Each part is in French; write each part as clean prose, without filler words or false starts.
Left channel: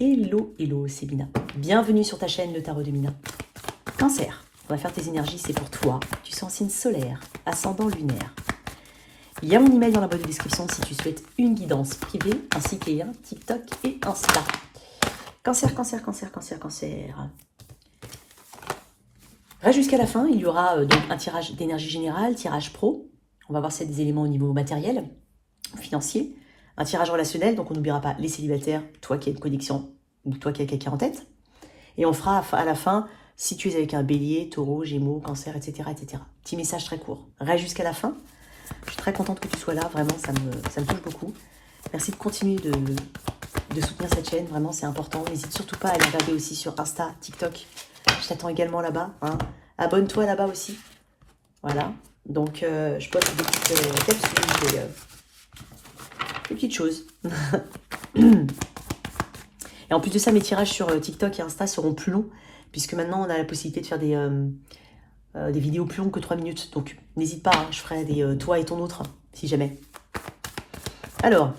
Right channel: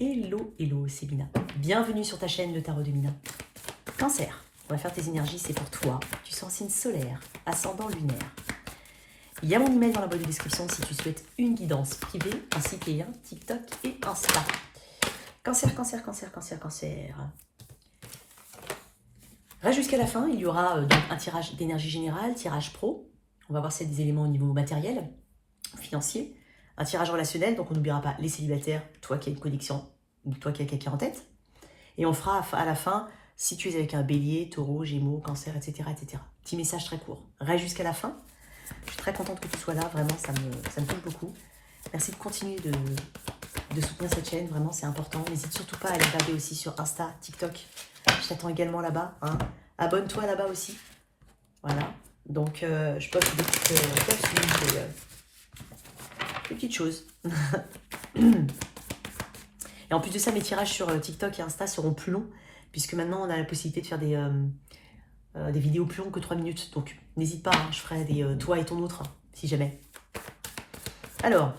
Hello, hello, c'est Mina. Bienvenue sur ta chaîne Le Tarot de Mina. Cancer, on va faire tes énergies, c'est pour toi. Tu sens signe solaire, ascendant lunaire. Il y a mon email dans la boîte de description si tu souhaites une guidance privée, ainsi qu'il y a TikTok et Insta. Cancer, cancer, cancer, cancer, cancer. Reste jusqu'à la fin, il y aura donc un tirage d'énergie générale, tirage pro. On va voir s'il y a des éléments au niveau matériel, financier. Un tirage relationnel, donc on n'oubliera pas les célibataires, toi qui as une connexion ou toi qui as quelqu'un en tête. Et on fera à la fin, si tu es avec un bélier, taureau, gémeaux, cancer, etc. etc. Petit message très court. Reste jusqu'à la fin. Je suis très contente que tu sois là, vraiment, ça me touche beaucoup. Merci de continuer de soutenir cette chaîne, vraiment c'est important. N'hésite surtout pas à aller regarder aussi sur Insta, TikTok. Je t'attends également là-bas. Hein. Abonne-toi là-bas aussi. Voilà. Donc je peux des petites capsules, des petites choses. Et en plus de ça, mes tirages sur TikTok et Insta seront plus longs, puisque maintenant on a la possibilité de faire des vidéos plus longues que 3 minutes. Donc n'hésite pas, hein, je ferai des toi et ton autre, si jamais. Alors,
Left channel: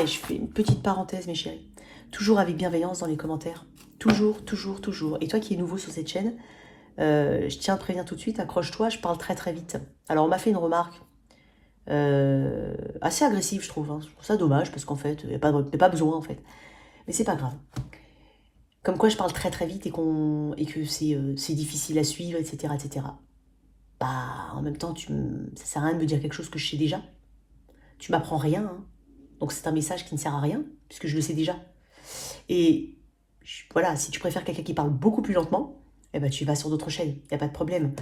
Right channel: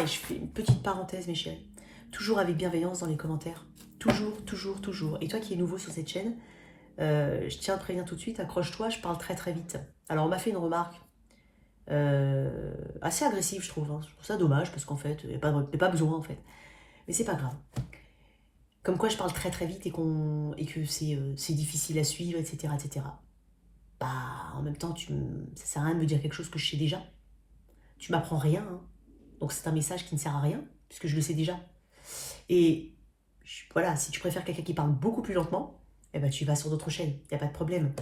et je fais une petite parenthèse, mes chéris. Toujours avec bienveillance dans les commentaires. Toujours, toujours, toujours. Et toi qui es nouveau sur cette chaîne, je tiens à te prévenir tout de suite, accroche-toi, je parle très très vite. Alors on m'a fait une remarque assez agressive, je trouve. Hein. Je trouve ça dommage, parce qu'en fait, il n'y a pas besoin, en fait. Mais c'est pas grave. Comme quoi je parle très très vite et que c'est difficile à suivre, etc., etc. Bah, en même temps, ça sert à rien de me dire quelque chose que je sais déjà. Tu m'apprends rien, hein. Donc c'est un message qui ne sert à rien, puisque je le sais déjà. Et voilà, si tu préfères quelqu'un qui parle beaucoup plus lentement, eh ben, tu vas sur d'autres chaînes, il n'y a pas de problème.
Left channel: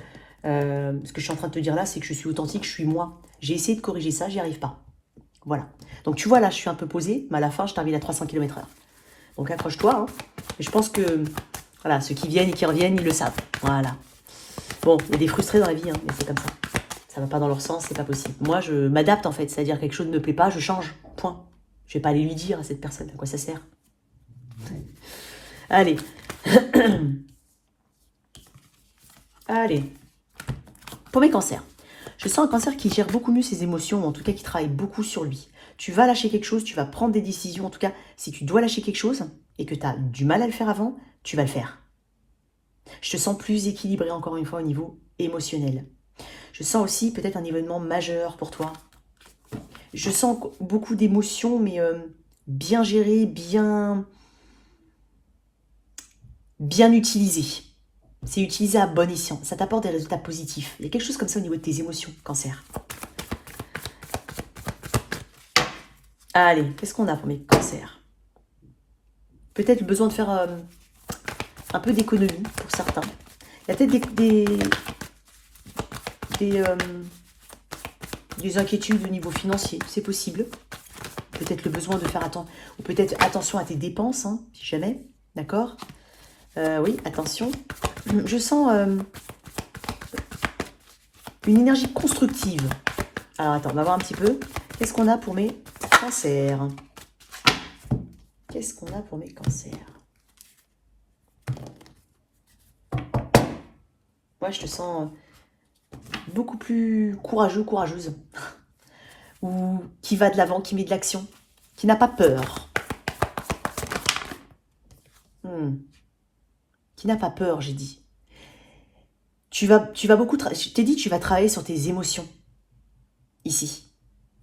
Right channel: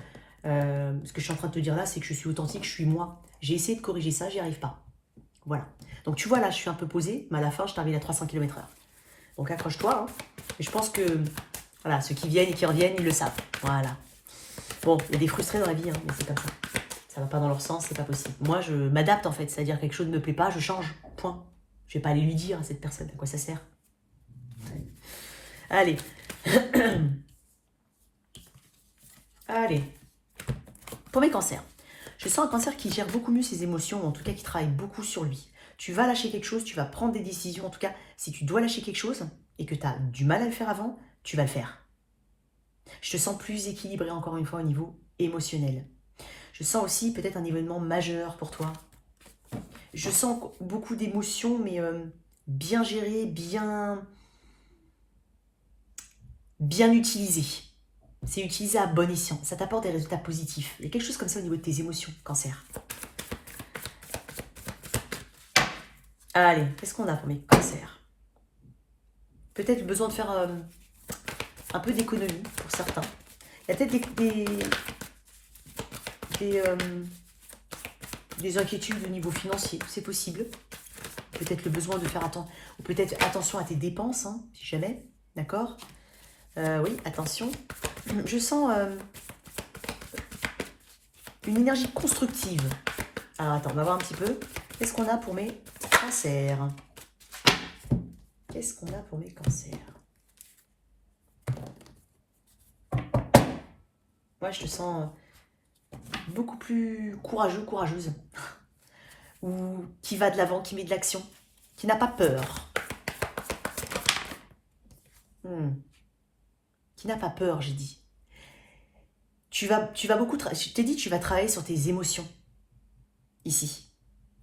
Ce que je suis en train de te dire là, c'est que je suis authentique, je suis moi. J'ai essayé de corriger ça, j'y arrive pas. Voilà. Donc tu vois, là, je suis un peu posée, mais à la fin, je termine à 300 km/h. Donc accroche-toi. Hein. Et je pense que voilà, ceux qui viennent et qui reviennent, ils le savent. Voilà. Bon, il y a des frustrés dans la vie, hein, mais c'est comme ça. Ça va pas dans leur sens, c'est pas possible. Moi, je m'adapte en fait, c'est-à-dire quelque chose ne me plaît pas, je change. Point. Je vais pas aller lui dire à cette personne à quoi ça sert. Ouais. Allez. Allez. Pour mes cancers. Je sens un cancer qui gère beaucoup mieux ses émotions, ou en tout cas qui travaille beaucoup sur lui. Tu vas lâcher quelque chose, tu vas prendre des décisions. En tout cas, si tu dois lâcher quelque chose et que tu as du mal à le faire avant, tu vas le faire. Je te sens plus équilibré encore une fois au niveau émotionnel. Je sens aussi peut-être un événement majeur pour toi. Je sens beaucoup d'émotions, mais bien gérées, bien utilisées. C'est utilisé à bon escient. Ça t'apporte des résultats positifs. Il y a quelque chose comme ça au niveau de tes émotions, cancer. Allez, qu'est-ce qu'on a pour mes cancers? Peut-être le besoin de faire un peu d'économie pour certains. Il y a peut-être des inquiétudes au niveau financier, c'est possible. Peut-être le besoin de faire ou peut-être attention à tes dépenses, hein, si jamais, d'accord? Oui, attention. Je sens une énergie constructive. Alors attends, on va voir un petit peu. Qu'est-ce qu'on a pour mes cancers? Qu'est-ce qu'on a pour mes cancers? Moi, je te sens beaucoup plus courageux, courageuse. Ou qui va de l'avant, qui met de l'action, qui n'a pas peur. Qui n'a pas peur, j'ai dit. Tu vas beaucoup... Je t'ai dit, tu vas travailler sur tes émotions. Ici.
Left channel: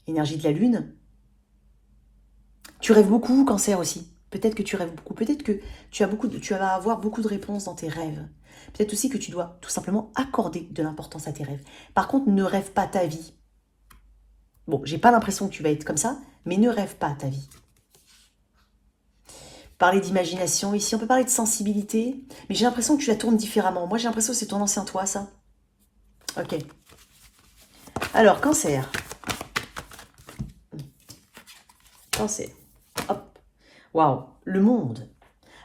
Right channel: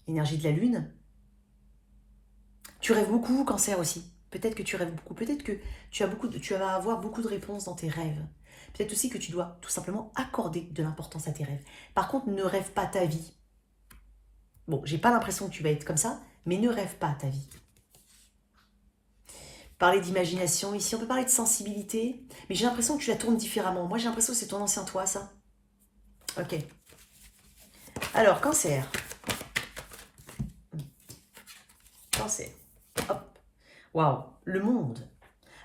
Énergie de la lune. Tu rêves beaucoup, cancer aussi. Peut-être que tu rêves beaucoup. Peut-être que tu vas avoir beaucoup de réponses dans tes rêves. Peut-être aussi que tu dois tout simplement accorder de l'importance à tes rêves. Par contre, ne rêve pas ta vie. Bon, j'ai pas l'impression que tu vas être comme ça, mais ne rêve pas ta vie. Parler d'imagination, ici on peut parler de sensibilité, mais j'ai l'impression que tu la tournes différemment. Moi j'ai l'impression que c'est ton ancien toi, ça. Ok. Alors, cancer. Cancer. Hop. Waouh, le monde.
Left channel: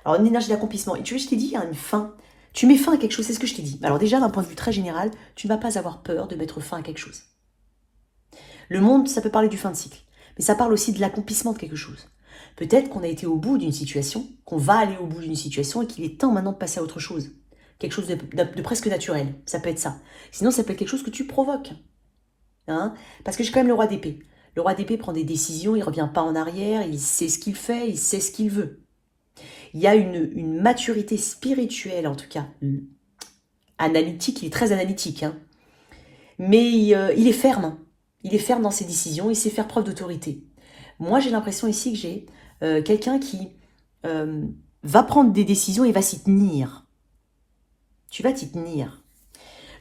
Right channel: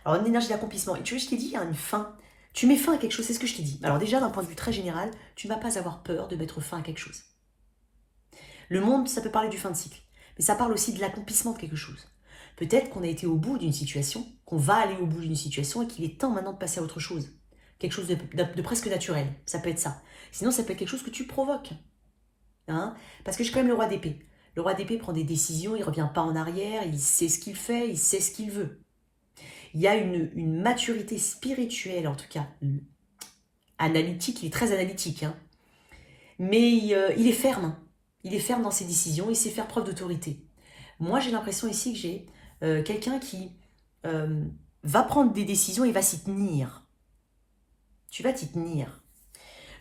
Alors, une énergie d'accomplissement. Et tu vois, je t'ai dit, il y a une fin. Tu mets fin à quelque chose, c'est ce que je t'ai dit. Alors déjà, d'un point de vue très général, tu ne vas pas avoir peur de mettre fin à quelque chose. Le monde, ça peut parler du fin de cycle, mais ça parle aussi de l'accomplissement de quelque chose. Peut-être qu'on a été au bout d'une situation, qu'on va aller au bout d'une situation et qu'il est temps maintenant de passer à autre chose. Quelque chose de presque naturel, ça peut être ça. Sinon, ça peut être quelque chose que tu provoques. Hein, parce que j'ai quand même le roi d'épée. Le roi d'épée prend des décisions, il ne revient pas en arrière, il sait ce qu'il fait, il sait ce qu'il veut. Il y a une maturité spirituelle, en tout cas, analytique, il est très analytique, hein. Mais il est ferme. Hein. Il est ferme dans ses décisions, il sait faire preuve d'autorité. Moi, j'ai l'impression ici que j'ai quelqu'un qui va prendre des décisions et va s'y tenir. Tu vas t'y tenir.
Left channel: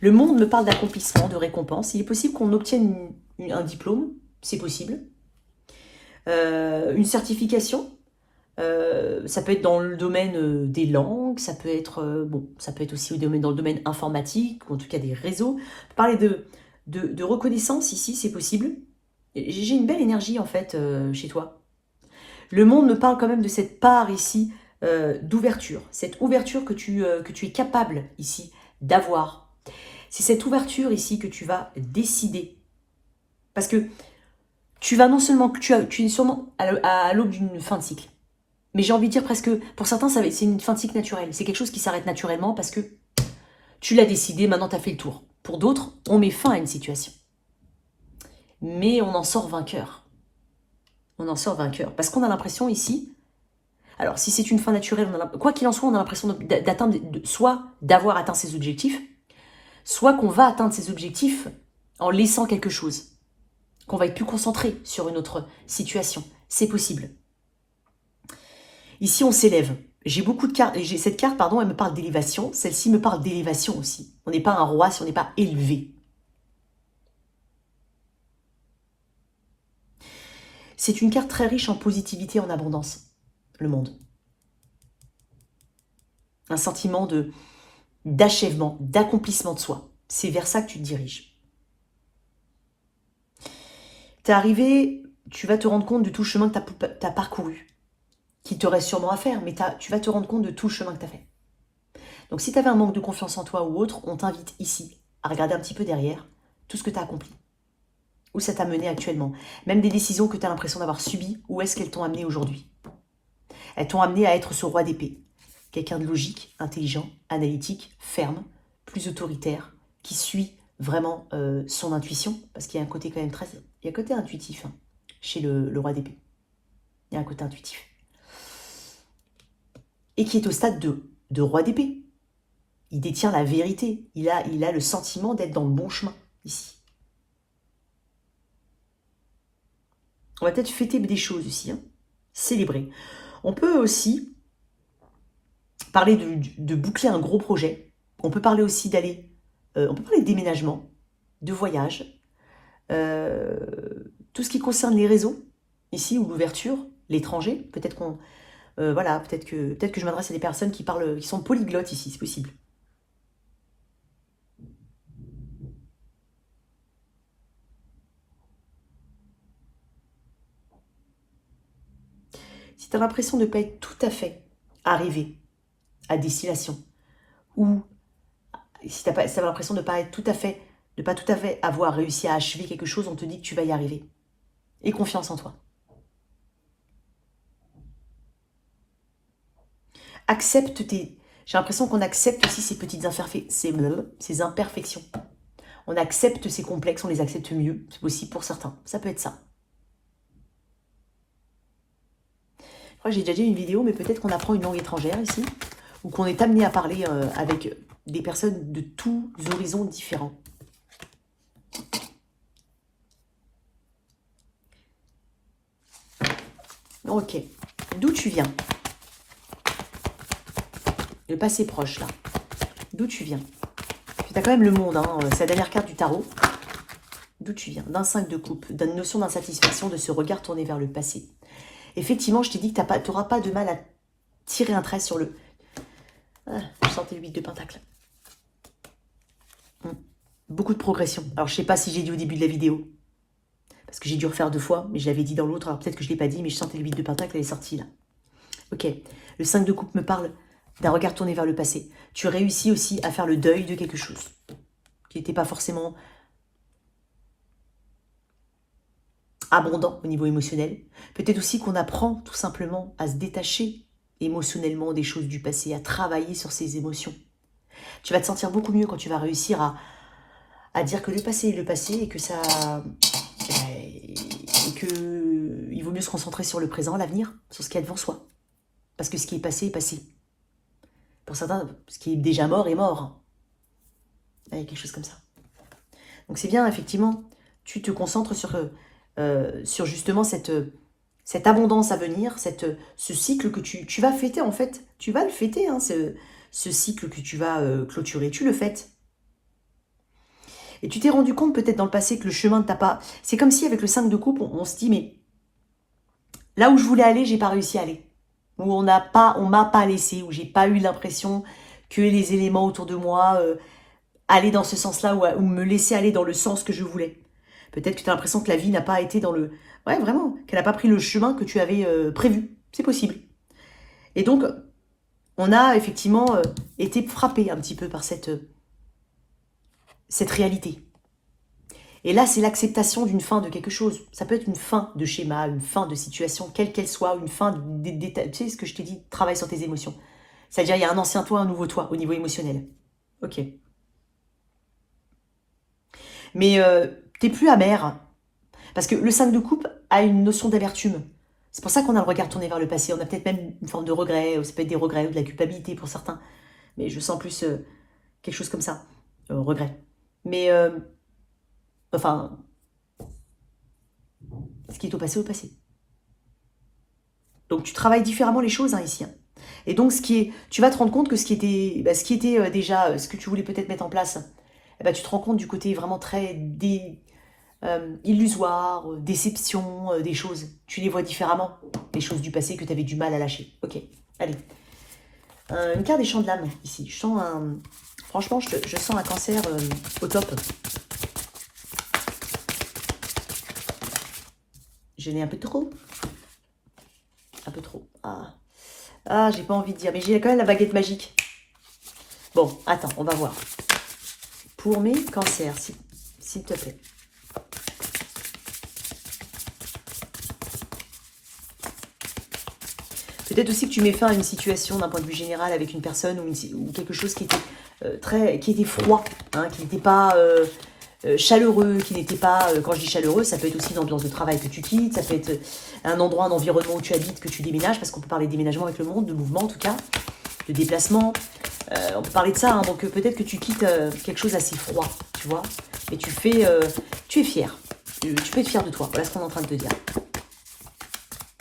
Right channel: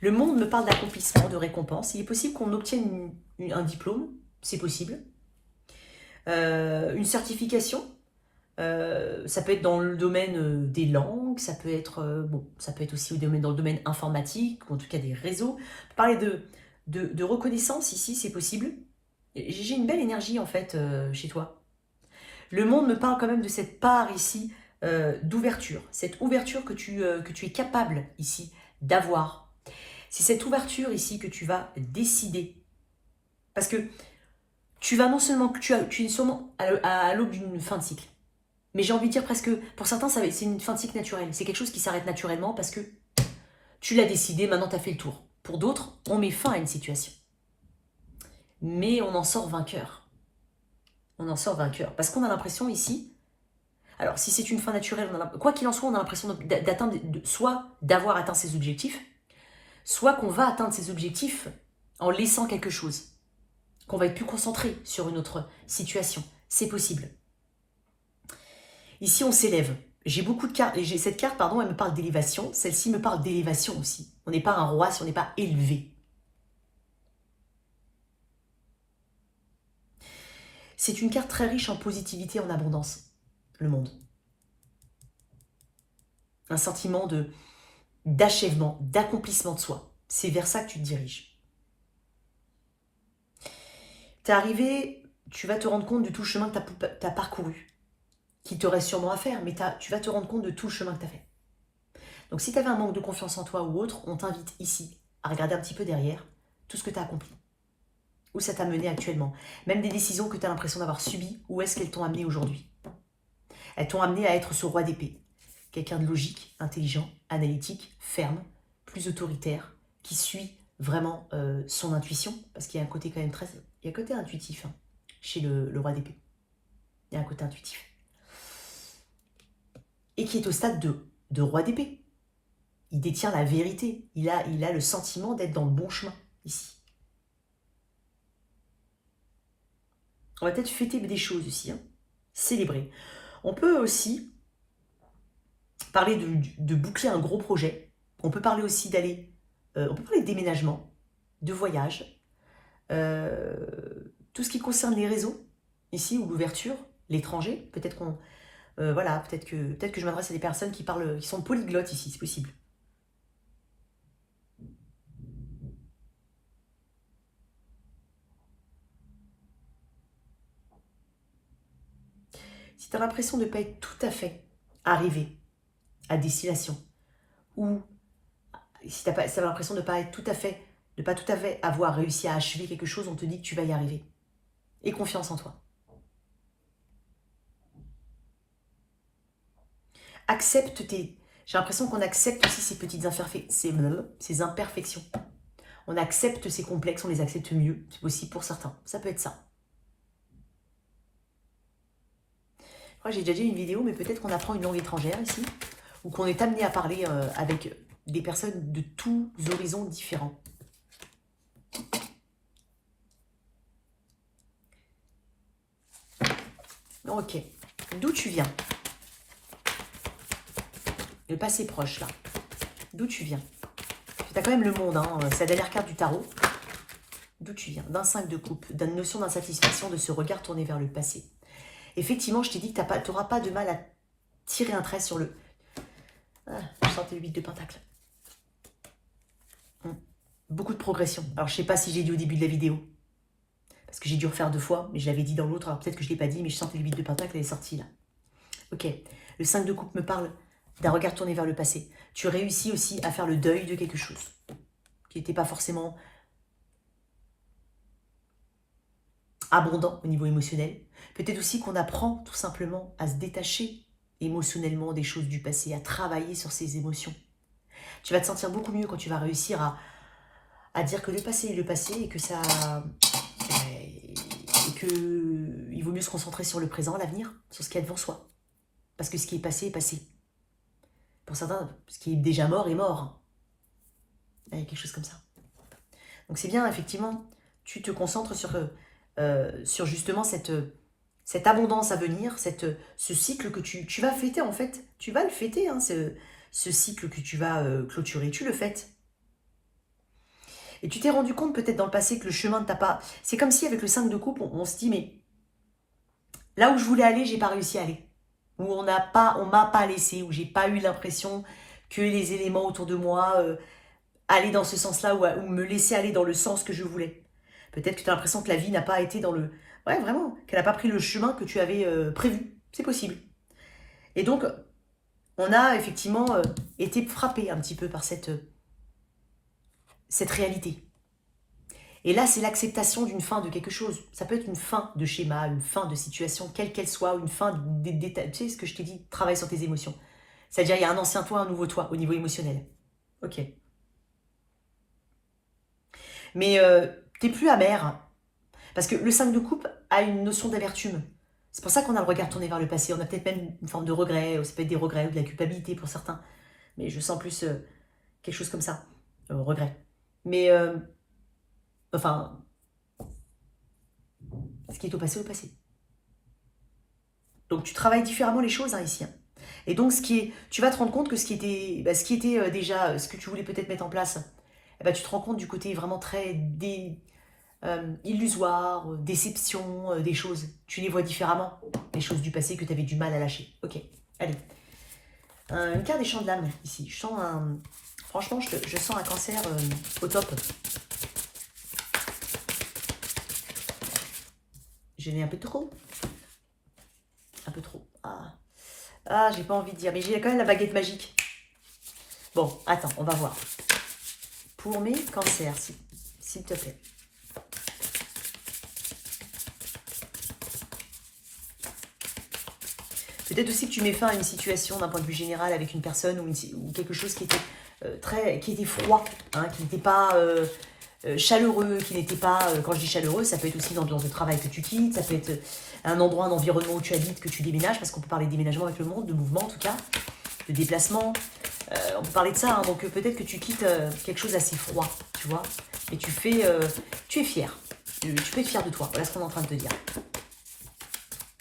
Le monde me parle d'accomplissement, de récompense. Il est possible qu'on obtienne un diplôme, c'est possible. Une certification, ça peut être dans le domaine des langues, ça peut être, ça peut être aussi dans le domaine informatique, ou en tout cas des réseaux. Parler de reconnaissance ici, c'est possible. J'ai une belle énergie en fait chez toi. Le monde me parle quand même de cette part ici d'ouverture, cette ouverture que tu es capable ici d'avoir. C'est cette ouverture ici que tu vas décider. Parce que tu vas non seulement, tu es sûrement à l'aube d'une fin de cycle. Mais j'ai envie de dire presque, pour certains, c'est une fin de cycle naturelle. C'est quelque chose qui s'arrête naturellement parce que tu l'as décidé, maintenant tu as fait le tour. Pour d'autres, on met fin à une situation. Mais on en sort vainqueur. On en sort vainqueur. Parce qu'on a l'impression ici, alors si c'est une fin naturelle, quoi qu'il en soit, on a l'impression d'atteindre, soit d'avoir atteint ses objectifs, soit qu'on va atteindre ses objectifs en laissant quelque chose. Qu'on va être plus concentré sur une autre situation. C'est possible. Ici, on s'élève. J'ai beaucoup de cartes. Cette carte, pardon, elle me parle d'élévation. Celle-ci me parle d'élévation aussi. On n'est pas un roi si on n'est pas élevé. C'est une carte très riche en positivité, en abondance. Le monde. Un sentiment d'achèvement, d'accomplissement de soi. C'est vers ça que tu te diriges. T'es arrivé, tu vas te rendre compte de tout le chemin que tu as parcouru. Qui te reste sûrement à faire, mais tu vas te rendre compte de tout le chemin que tu as fait. Donc si tu avais un manque de confiance en toi ou autre, on t'invite ici à regarder un petit peu derrière tout ce que tu as accompli. Où ça t'a mené actuellement. Même des décisions que tu as l'impression d'avoir subies, où est-ce qu'elles t'ont amené aujourd'hui? Elles t'ont amené à être ce roi d'épée. Quelqu'un de logique, intelligent, analytique, ferme, plus autoritaire, qui suit vraiment son intuition, parce qu'il y a un côté quand même très... Il y a un côté intuitif hein, chez le roi d'épée. Il y a un côté intuitif. Et qui est au stade de roi d'épée. Il détient la vérité. Il a le sentiment d'être dans le bon chemin, ici. On va peut-être fêter des choses ici, hein. Célébrer. On peut aussi parler de boucler un gros projet. On peut parler aussi d'aller... on peut parler de déménagement, de voyage, tout ce qui concerne les réseaux, ici, ou l'ouverture, l'étranger. Peut-être qu'on... voilà, peut-être que je m'adresse à des personnes qui sont polyglottes ici, c'est possible. Si tu as l'impression de ne pas être tout à fait arrivé à destination, ou si tu as l'impression de ne pas être tout à fait, de pas tout à fait avoir réussi à achever quelque chose, on te dit que tu vas y arriver. Et confiance en toi. Accepte tes... J'ai l'impression qu'on accepte aussi ces petites ces imperfections. On accepte ces complexes, on les accepte mieux, c'est possible pour certains. Ça peut être ça. J'ai déjà dit une vidéo, mais peut-être qu'on apprend une langue étrangère ici, ou qu'on est amené à parler avec des personnes de tous horizons différents. Ok. D'où tu viens? Le passé proche, là. D'où tu viens? Tu as quand même le monde, hein, c'est la dernière carte du tarot. D'où tu viens? D'un 5 de coupe, d'une notion d'insatisfaction, de ce regard tourné vers le passé. Effectivement, je t'ai dit que tu n'auras pas de mal à tirer un trait sur le... Ah, je sentais le 8 de pentacle. Beaucoup de progression. Alors, je ne sais pas si j'ai dit au début de la vidéo. Parce que j'ai dû refaire 2 fois, mais je l'avais dit dans l'autre. Alors, peut-être que je ne l'ai pas dit, mais je sentais le 8 de pentacle, elle est sortie là. Ok. Le 5 de coupe me parle d'un regard tourné vers le passé. Tu réussis aussi à faire le deuil de quelque chose qui n'était pas forcément abondant au niveau émotionnel. Peut-être aussi qu'on apprend tout simplement à se détacher émotionnellement des choses du passé, à travailler sur ses émotions. Tu vas te sentir beaucoup mieux quand tu vas réussir à dire que le passé est le passé et que ça... qu'il vaut mieux se concentrer sur le présent, l'avenir, sur ce qu'il y a devant soi. Parce que ce qui est passé est passé. Pour certains, ce qui est déjà mort est mort. Il y a quelque chose comme ça. Donc c'est bien, effectivement, tu te concentres sur justement cette abondance à venir, ce cycle que tu vas fêter, en fait. Tu vas le fêter, hein, ce cycle que tu vas clôturer. Tu le fêtes. Et tu t'es rendu compte peut-être dans le passé que le chemin ne t'a pas... C'est comme si avec le 5 de coupe, on se dit, mais là où je voulais aller, j'ai pas réussi à aller. Où on m'a pas laissé, où j'ai pas eu l'impression que les éléments autour de moi allaient dans ce sens-là, ou me laissaient aller dans le sens que je voulais. Peut-être que tu as l'impression que la vie n'a pas été dans le... Ouais, vraiment, qu'elle n'a pas pris le chemin que tu avais prévu. C'est possible. Et donc, on a effectivement été frappé un petit peu par cette réalité. Et là, c'est l'acceptation d'une fin de quelque chose. Ça peut être une fin de schéma, une fin de situation, quelle qu'elle soit, une fin des détails. Tu sais ce que je t'ai dit, travaille sur tes émotions. C'est-à-dire, il y a un ancien toi, un nouveau toi, au niveau émotionnel. Ok. Mais t'es plus amer. Parce que le 5 de coupe a une notion d'amertume. C'est pour ça qu'on a le regard tourné vers le passé. On a peut-être même une forme de regret, ou ça peut être des regrets, ou de la culpabilité pour certains. Mais je sens plus quelque chose comme ça. Regret. Mais... Enfin, ce qui est au passé, Donc tu travailles différemment les choses ici. Et donc tu vas te rendre compte que ce qui était déjà, ce que tu voulais peut-être mettre en place, tu te rends compte du côté vraiment très illusoire, déception, des choses. Tu les vois différemment, les choses du passé que tu avais du mal à lâcher. Ok, allez. Une carte des champs de l'âme ici. Franchement, je sens un cancer au top. Je n'ai un peu trop. Un peu trop. Ah, j'ai pas envie de dire. Mais j'ai quand même la baguette magique. Bon, attends, on va voir. Pour mes cancers, s'il te plaît. Peut-être aussi que tu mets fin à une situation d'un point de vue général avec une personne ou quelque chose qui était froid, hein, qui n'était pas... chaleureux, qui n'était pas, quand je dis chaleureux, ça peut être aussi l'ambiance de travail que tu quittes, ça peut être un endroit, un environnement où tu habites, que tu déménages, parce qu'on peut parler de déménagement avec le monde, de mouvement en tout cas, de déplacement, on peut parler de ça, hein, donc peut-être que tu quittes quelque chose assez froid, tu vois, et tu es fier, tu peux être fier de toi, voilà ce qu'on est en train de te dire.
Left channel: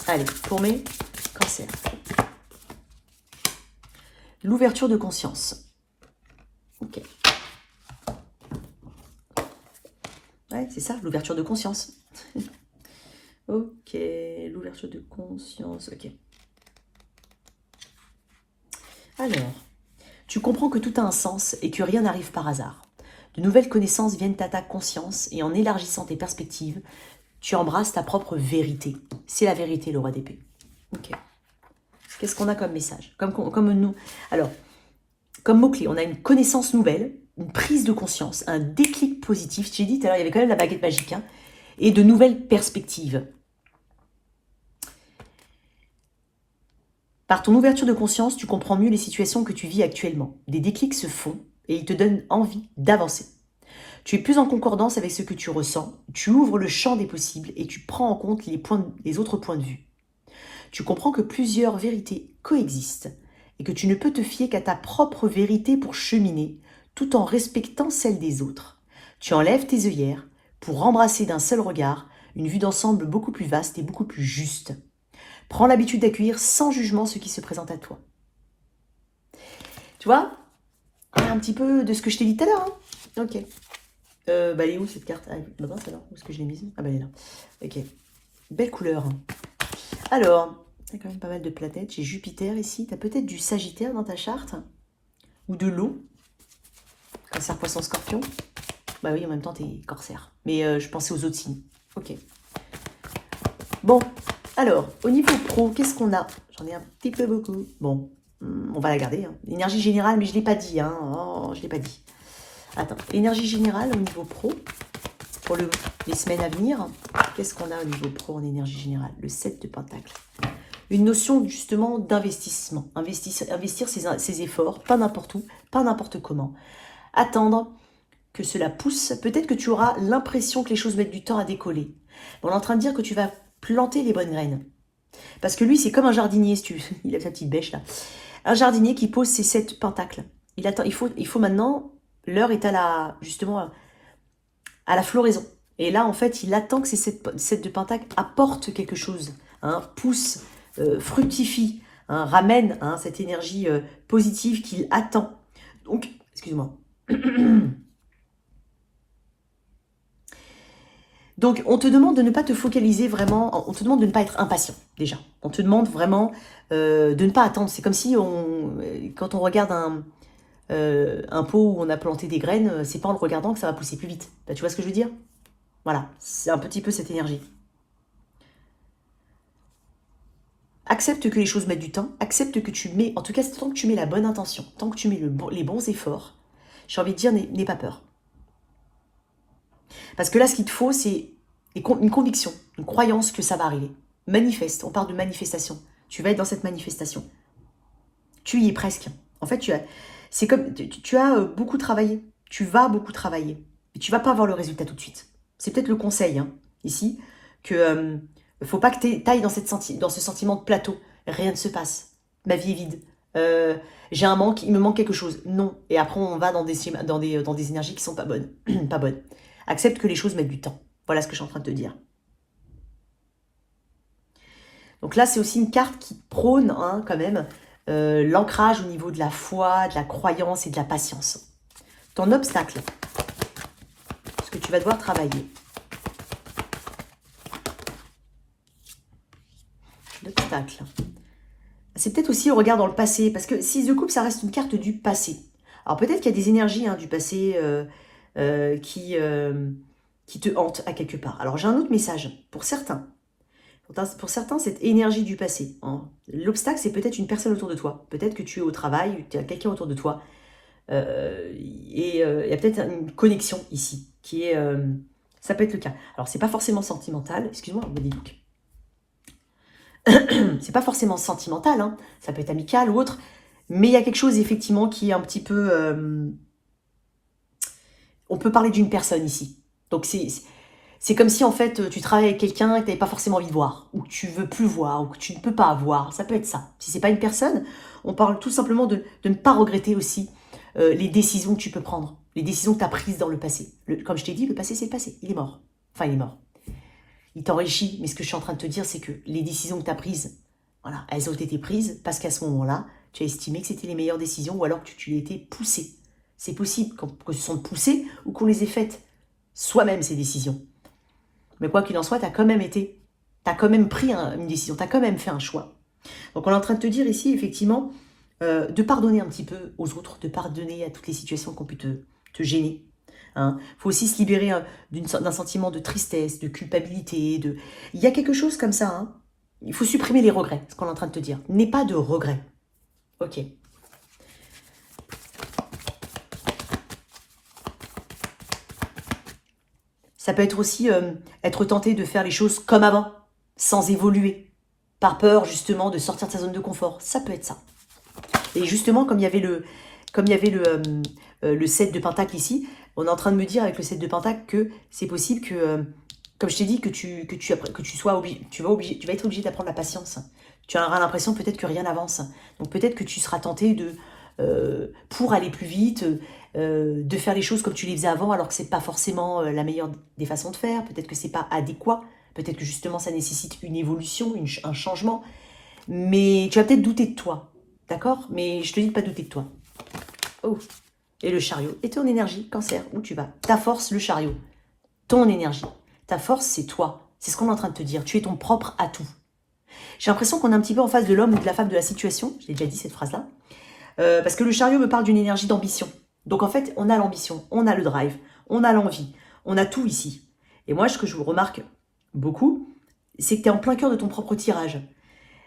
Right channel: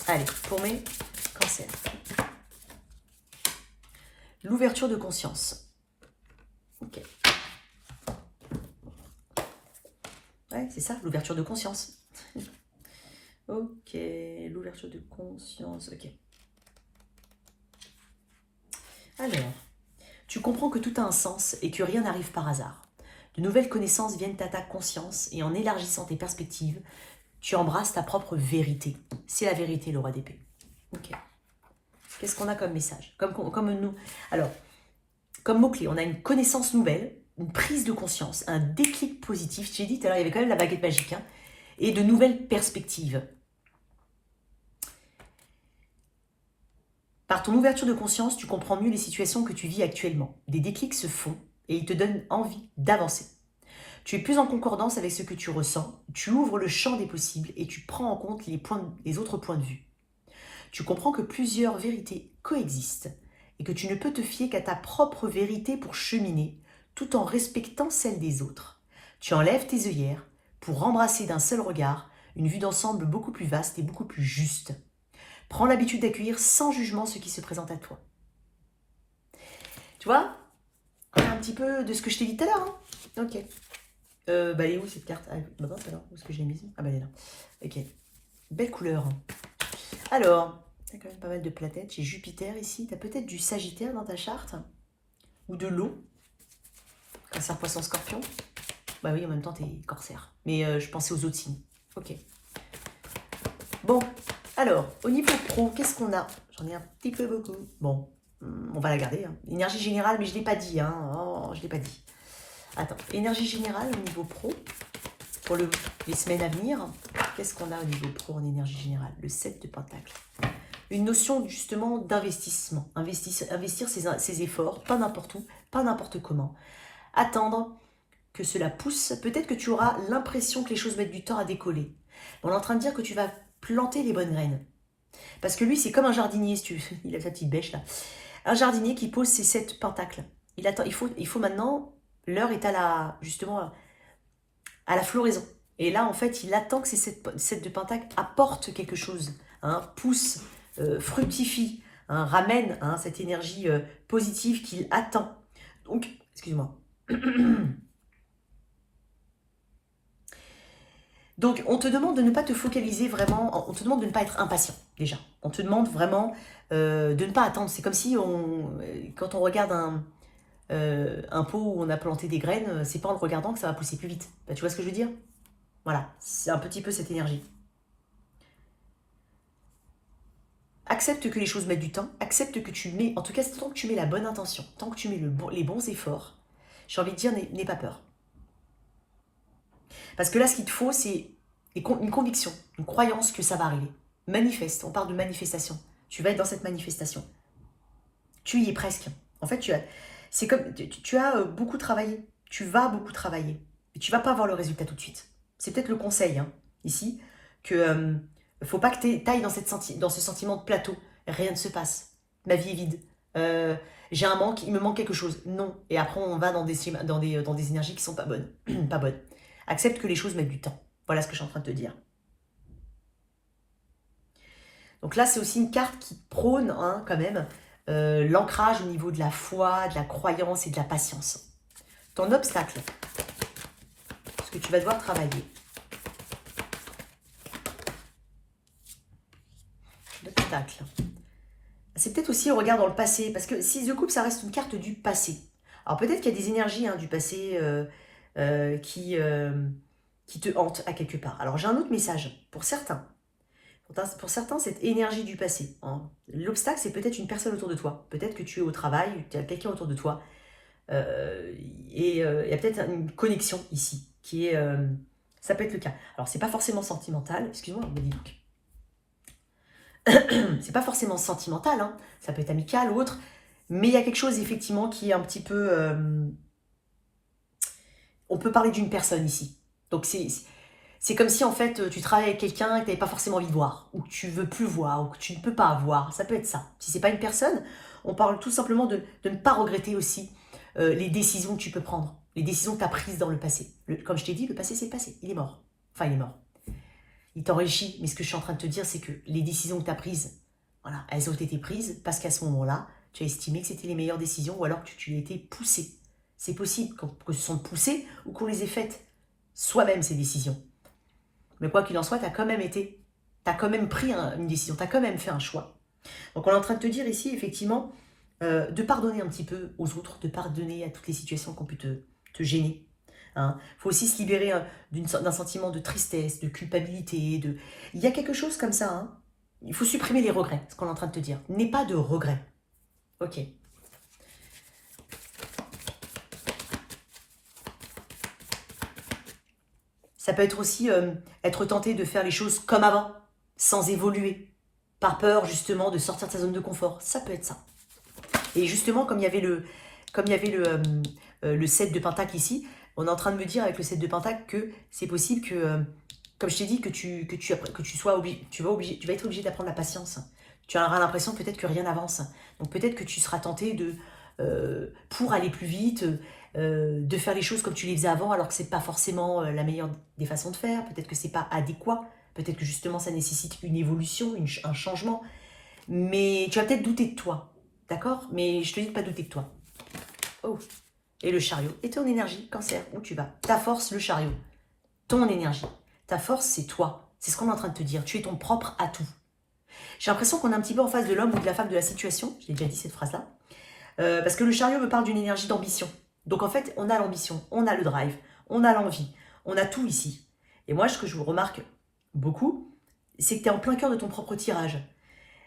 Allez, pour mes cancers. L'ouverture de conscience. Ok. Ouais, c'est ça, l'ouverture de conscience. Ok, l'ouverture de conscience, ok. Alors, tu comprends que tout a un sens et que rien n'arrive par hasard. De nouvelles connaissances viennent à ta conscience et en élargissant tes perspectives, tu embrasses ta propre vérité. C'est la vérité, le roi d'épée. Ok. Qu'est-ce qu'on a comme message comme nous. Alors, comme mot-clé, on a une connaissance nouvelle, une prise de conscience, un déclic positif. J'ai dit tout à l'heure, il y avait quand même la baguette magique, hein, et de nouvelles perspectives. Par ton ouverture de conscience, tu comprends mieux les situations que tu vis actuellement. Des déclics se font et ils te donnent envie d'avancer. Tu es plus en concordance avec ce que tu ressens, tu ouvres le champ des possibles et tu prends en compte les autres points de vue. Tu comprends que plusieurs vérités coexistent et que tu ne peux te fier qu'à ta propre vérité pour cheminer, tout en respectant celle des autres. Tu enlèves tes œillères pour embrasser d'un seul regard une vue d'ensemble beaucoup plus vaste et beaucoup plus juste. Prends l'habitude d'accueillir sans jugement ce qui se présente à toi. Tu vois, un petit peu de ce que je t'ai dit tout à l'heure. Hein, ok. Elle est où cette carte? Bah mince alors, où est-ce que je l'ai mise? Ah bah elle est là. Ok. Belle couleur. Alors, il y a quand même pas mal de planètes. J'ai Jupiter ici. Tu as peut-être du Sagittaire dans ta charte. Ou de l'eau. Cancer, poisson, scorpion. Bah oui, en même temps, t'es corsaire. Mais je pensais aux autres signes. Ok. Bon, alors, au niveau pro, qu'est-ce qu'on a? J'en ai un petit peu beaucoup. Bon, on va la garder. Hein. Énergie générale, mais je ne l'ai pas dit. Hein. Oh, je ne l'ai pas dit. Attends, énergie générale au niveau pro, pour les semaines à venir. Qu'est-ce qu'on a au niveau pro en énergie générale? Le 7 de Pentacle. Une notion justement d'investissement. Investir ses efforts, pas n'importe où, pas n'importe comment. Attendre que cela pousse. Peut-être que tu auras l'impression que les choses mettent du temps à décoller. On est en train de dire que tu vas planter les bonnes graines. Parce que lui, c'est comme un jardinier, si tu... il a sa petite bêche là. Un jardinier qui pose ses 7 pentacles. Il attend, il faut maintenant, l'heure est à la, justement, à la floraison. Et là, en fait, il attend que ces 7 de pentacles apportent quelque chose, hein, pousse, fructifie, hein, ramène hein, cette énergie positive qu'il attend. Donc, excuse-moi. Donc, on te demande de ne pas te focaliser vraiment, on te demande de ne pas être impatient, déjà. On te demande vraiment de ne pas attendre. C'est comme si, quand on regarde un pot où on a planté des graines, c'est pas en le regardant que ça va pousser plus vite. Bah, tu vois ce que je veux dire? Voilà, c'est un petit peu cette énergie. Accepte que les choses mettent du temps, accepte que tu mets, en tout cas, tant que tu mets la bonne intention, tant que tu mets les bons efforts, j'ai envie de dire, n'aie pas peur. Parce que là, ce qu'il te faut, c'est une conviction, une croyance que ça va arriver. Manifeste, on parle de manifestation. Tu vas être dans cette manifestation. Tu y es presque. En fait, c'est comme, tu as beaucoup travaillé. Tu vas beaucoup travailler. Et tu ne vas pas avoir le résultat tout de suite. C'est peut-être le conseil, hein, ici, que faut pas que tu ailles dans ce sentiment de plateau. Rien ne se passe. Ma vie est vide. J'ai un manque, il me manque quelque chose. Non. Et après, on va dans des énergies qui sont pas bonnes. Pas bonnes. Accepte que les choses mettent du temps. Voilà ce que je suis en train de te dire. Donc là, c'est aussi une carte qui prône, hein, quand même, l'ancrage au niveau de la foi, de la croyance et de la patience. Ton obstacle, ce que tu vas devoir travailler. L'obstacle. C'est peut-être aussi le regard dans le passé, parce que 6 de coupe, ça reste une carte du passé. Alors peut-être qu'il y a des énergies hein, du passé qui te hantent à quelque part. Alors j'ai un autre message pour certains. Pour certains, cette énergie du passé. Hein. L'obstacle, c'est peut-être une personne autour de toi. Peut-être que tu es au travail, tu as quelqu'un autour de toi. Et il y a peut-être une connexion ici, qui est... ça peut être le cas. Alors, c'est pas forcément sentimental. Excuse-moi, je me dis c'est pas forcément sentimental, hein. Ça peut être amical ou autre. Mais il y a quelque chose, effectivement, qui est un petit peu... on peut parler d'une personne ici. Donc, c'est comme si, en fait, tu travailles avec quelqu'un et que tu n'avais pas forcément envie de voir, ou que tu veux plus voir, ou que tu ne peux pas voir. Ça peut être ça. Si ce n'est pas une personne, on parle tout simplement de ne pas regretter aussi les décisions que tu peux prendre, les décisions que tu as prises dans le passé. Comme je t'ai dit, le passé, c'est le passé. Il est mort. Enfin, il est mort. Il t'enrichit, mais ce que je suis en train de te dire, c'est que les décisions que tu as prises, voilà, elles ont été prises parce qu'à ce moment-là, tu as estimé que c'était les meilleures décisions ou alors que tu les étais poussées. C'est possible que ce sont poussées ou qu'on les ait faites soi-même, ces décisions. Mais quoi qu'il en soit, tu as quand même pris une décision, tu as quand même fait un choix. Donc on est en train de te dire ici, effectivement, de pardonner un petit peu aux autres, de pardonner à toutes les situations qui ont pu te gêner. Hein. Faut aussi se libérer d'un sentiment de tristesse, de culpabilité. Il y a quelque chose comme ça. Hein. Il faut supprimer les regrets, ce qu'on est en train de te dire. N'aie pas de regrets. Ok. Ça peut être aussi être tenté de faire les choses comme avant, sans évoluer, par peur justement de sortir de sa zone de confort. Ça peut être ça. Et justement, comme il y avait le 7 de Pentacle ici, on est en train de me dire avec le 7 de Pentacle que c'est possible que, comme je t'ai dit, que tu vas être obligé d'apprendre la patience. Tu auras l'impression peut-être que rien n'avance. Donc peut-être que tu seras tenté pour aller plus vite, de faire les choses comme tu les faisais avant, alors que c'est pas forcément la meilleure des façons de faire. Peut-être que c'est pas adéquat. Peut-être que justement ça nécessite une évolution, un changement. Mais tu vas peut-être douter de toi. D'accord? Mais je te dis de pas douter de toi. Oh. Et le chariot. Et ton énergie, Cancer, où tu vas? Ta force, le chariot. Ton énergie. Ta force, c'est toi. C'est ce qu'on est en train de te dire. Tu es ton propre atout. J'ai l'impression qu'on est un petit peu en face de l'homme ou de la femme de la situation. Je l'ai déjà dit cette phrase-là. Parce que le chariot me parle d'une énergie d'ambition. Donc en fait, on a l'ambition, on a le drive, on a l'envie, on a tout ici. Et moi, ce que je vous remarque beaucoup, c'est que tu es en plein cœur de ton propre tirage.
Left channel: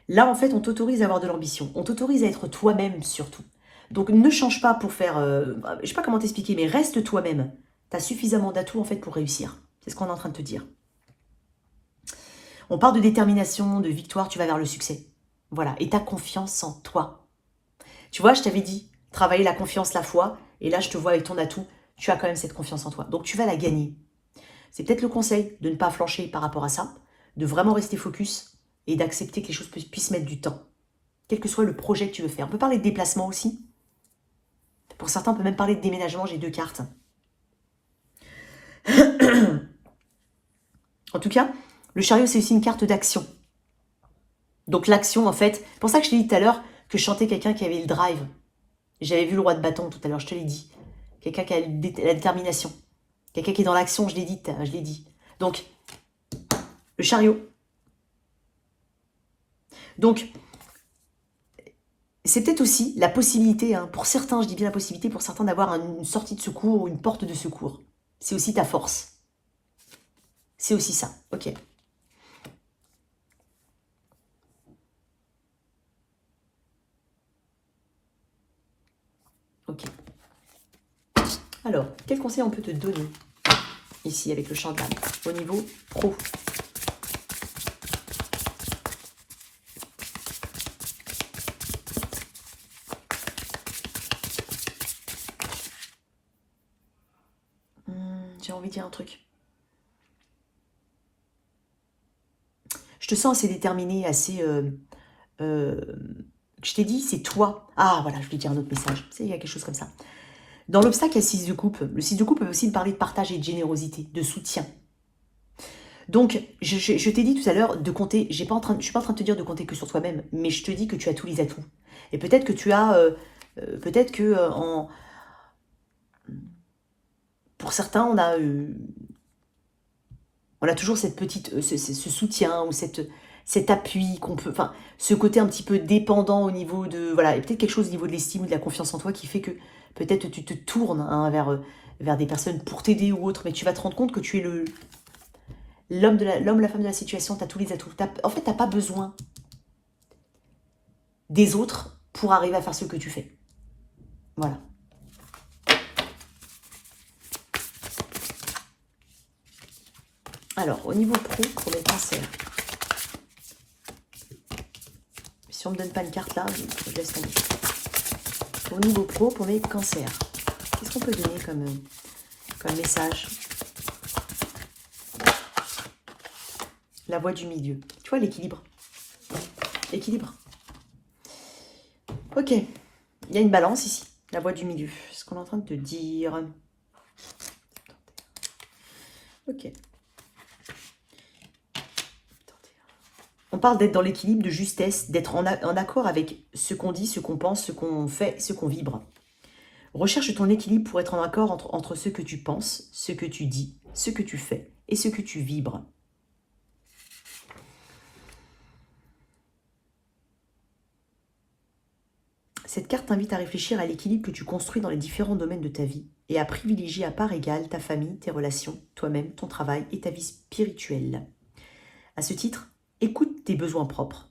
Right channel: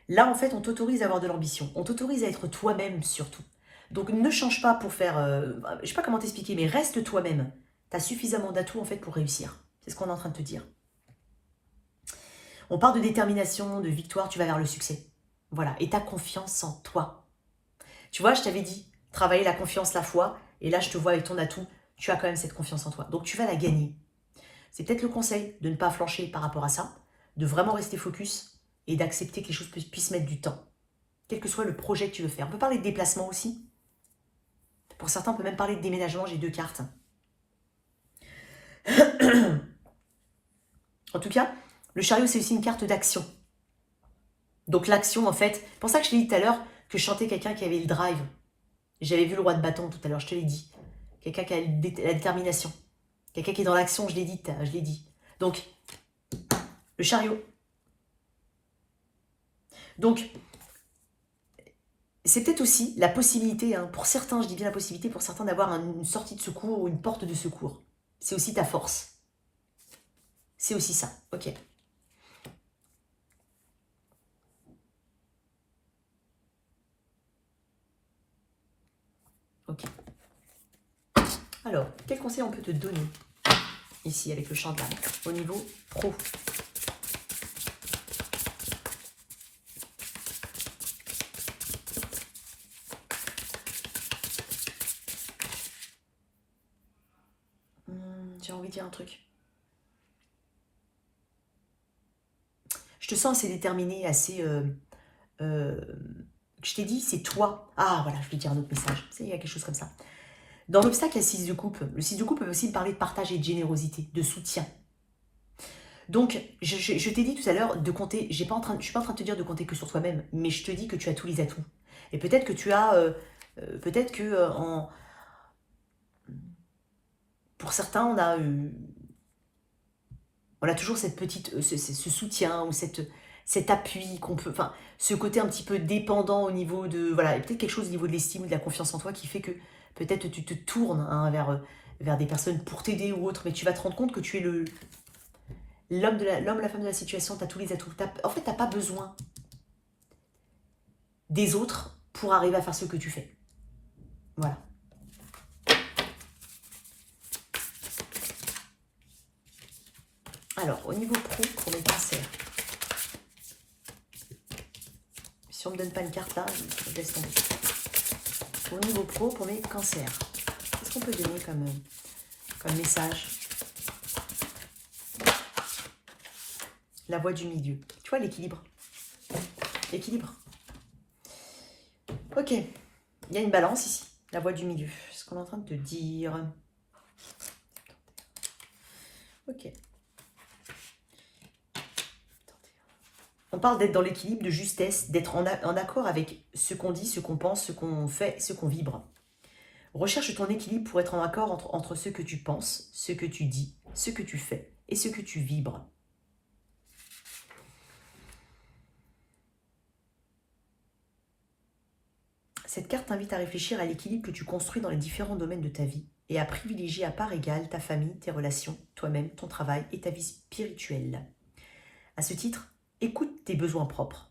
Là, en fait, on t'autorise à avoir de l'ambition. On t'autorise à être toi-même, surtout. Donc, ne change pas pour faire... je ne sais pas comment t'expliquer, mais reste toi-même. Tu as suffisamment d'atouts, en fait, pour réussir. C'est ce qu'on est en train de te dire. On parle de détermination, de victoire, tu vas vers le succès. Voilà. Et tu as confiance en toi. Tu vois, je t'avais dit, travailler la confiance, la foi. Et là, je te vois avec ton atout. Tu as quand même cette confiance en toi. Donc, tu vas la gagner. C'est peut-être le conseil de ne pas flancher par rapport à ça, de vraiment rester focus et d'accepter que les choses puissent mettre du temps, quel que soit le projet que tu veux faire. On peut parler de déplacement aussi. Pour certains, on peut même parler de déménagement, j'ai 2 cartes. En tout cas, le chariot, c'est aussi une carte d'action. Donc l'action, en fait, c'est pour ça que je t'ai dit tout à l'heure que je chantais quelqu'un qui avait le drive. J'avais vu le roi de bâton tout à l'heure, je te l'ai dit. Quelqu'un qui a la détermination. Quelqu'un qui est dans l'action, je l'ai dit. Donc, le chariot. Donc, c'est peut-être aussi la possibilité, hein, pour certains, je dis bien la possibilité, pour certains d'avoir une sortie de secours ou une porte de secours. C'est aussi ta force. C'est aussi ça, ok. Ok. Alors, quel conseil on peut te donner ici avec le champ de l'âme au niveau pro? J'ai envie de dire un truc. Je te sens assez déterminé, assez... je t'ai dit, c'est toi. Ah, voilà, je vais dire un autre message. Il y a quelque chose comme ça. Dans l'obstacle, il y a 6 de coupe. Le 6 de coupe peut aussi me parler de partage et de générosité, de soutien. Donc, je t'ai dit tout à l'heure de compter, je ne suis pas en train de te dire de compter que sur toi-même, mais je te dis que tu as tous les atouts. Et peut-être que tu as, peut-être que pour certains, on a toujours cette petite, ce soutien ou cet appui qu'on peut, enfin, ce côté un petit peu dépendant au niveau de, voilà, et peut-être quelque chose au niveau de l'estime ou de la confiance en toi qui fait que peut-être tu te tournes hein, vers des personnes pour t'aider ou autre, mais tu vas te rendre compte que tu es l'homme, la femme de la situation, tu as tous les atouts. En fait, tu n'as pas besoin des autres pour arriver à faire ce que tu fais. Voilà. Alors, au niveau pro, pour les cancers. Si on ne me donne pas une carte là, je laisse tomber. Au niveau pro, pour les cancers, qu'est-ce qu'on peut donner comme message? La voie du milieu. Tu vois, l'équilibre. L'équilibre. Ok. Il y a une balance ici. La voie du milieu. C'est ce qu'on est en train de te dire. Ok. On parle d'être dans l'équilibre, de justesse, d'être en accord avec ce qu'on dit, ce qu'on pense, ce qu'on fait, ce qu'on vibre. Recherche ton équilibre pour être en accord entre ce que tu penses, ce que tu dis, ce que tu fais et ce que tu vibres. Cette carte t'invite à réfléchir à l'équilibre que tu construis dans les différents domaines de ta vie et à privilégier à part égale ta famille, tes relations, toi-même, ton travail et ta vie spirituelle. À ce titre, écoute tes besoins propres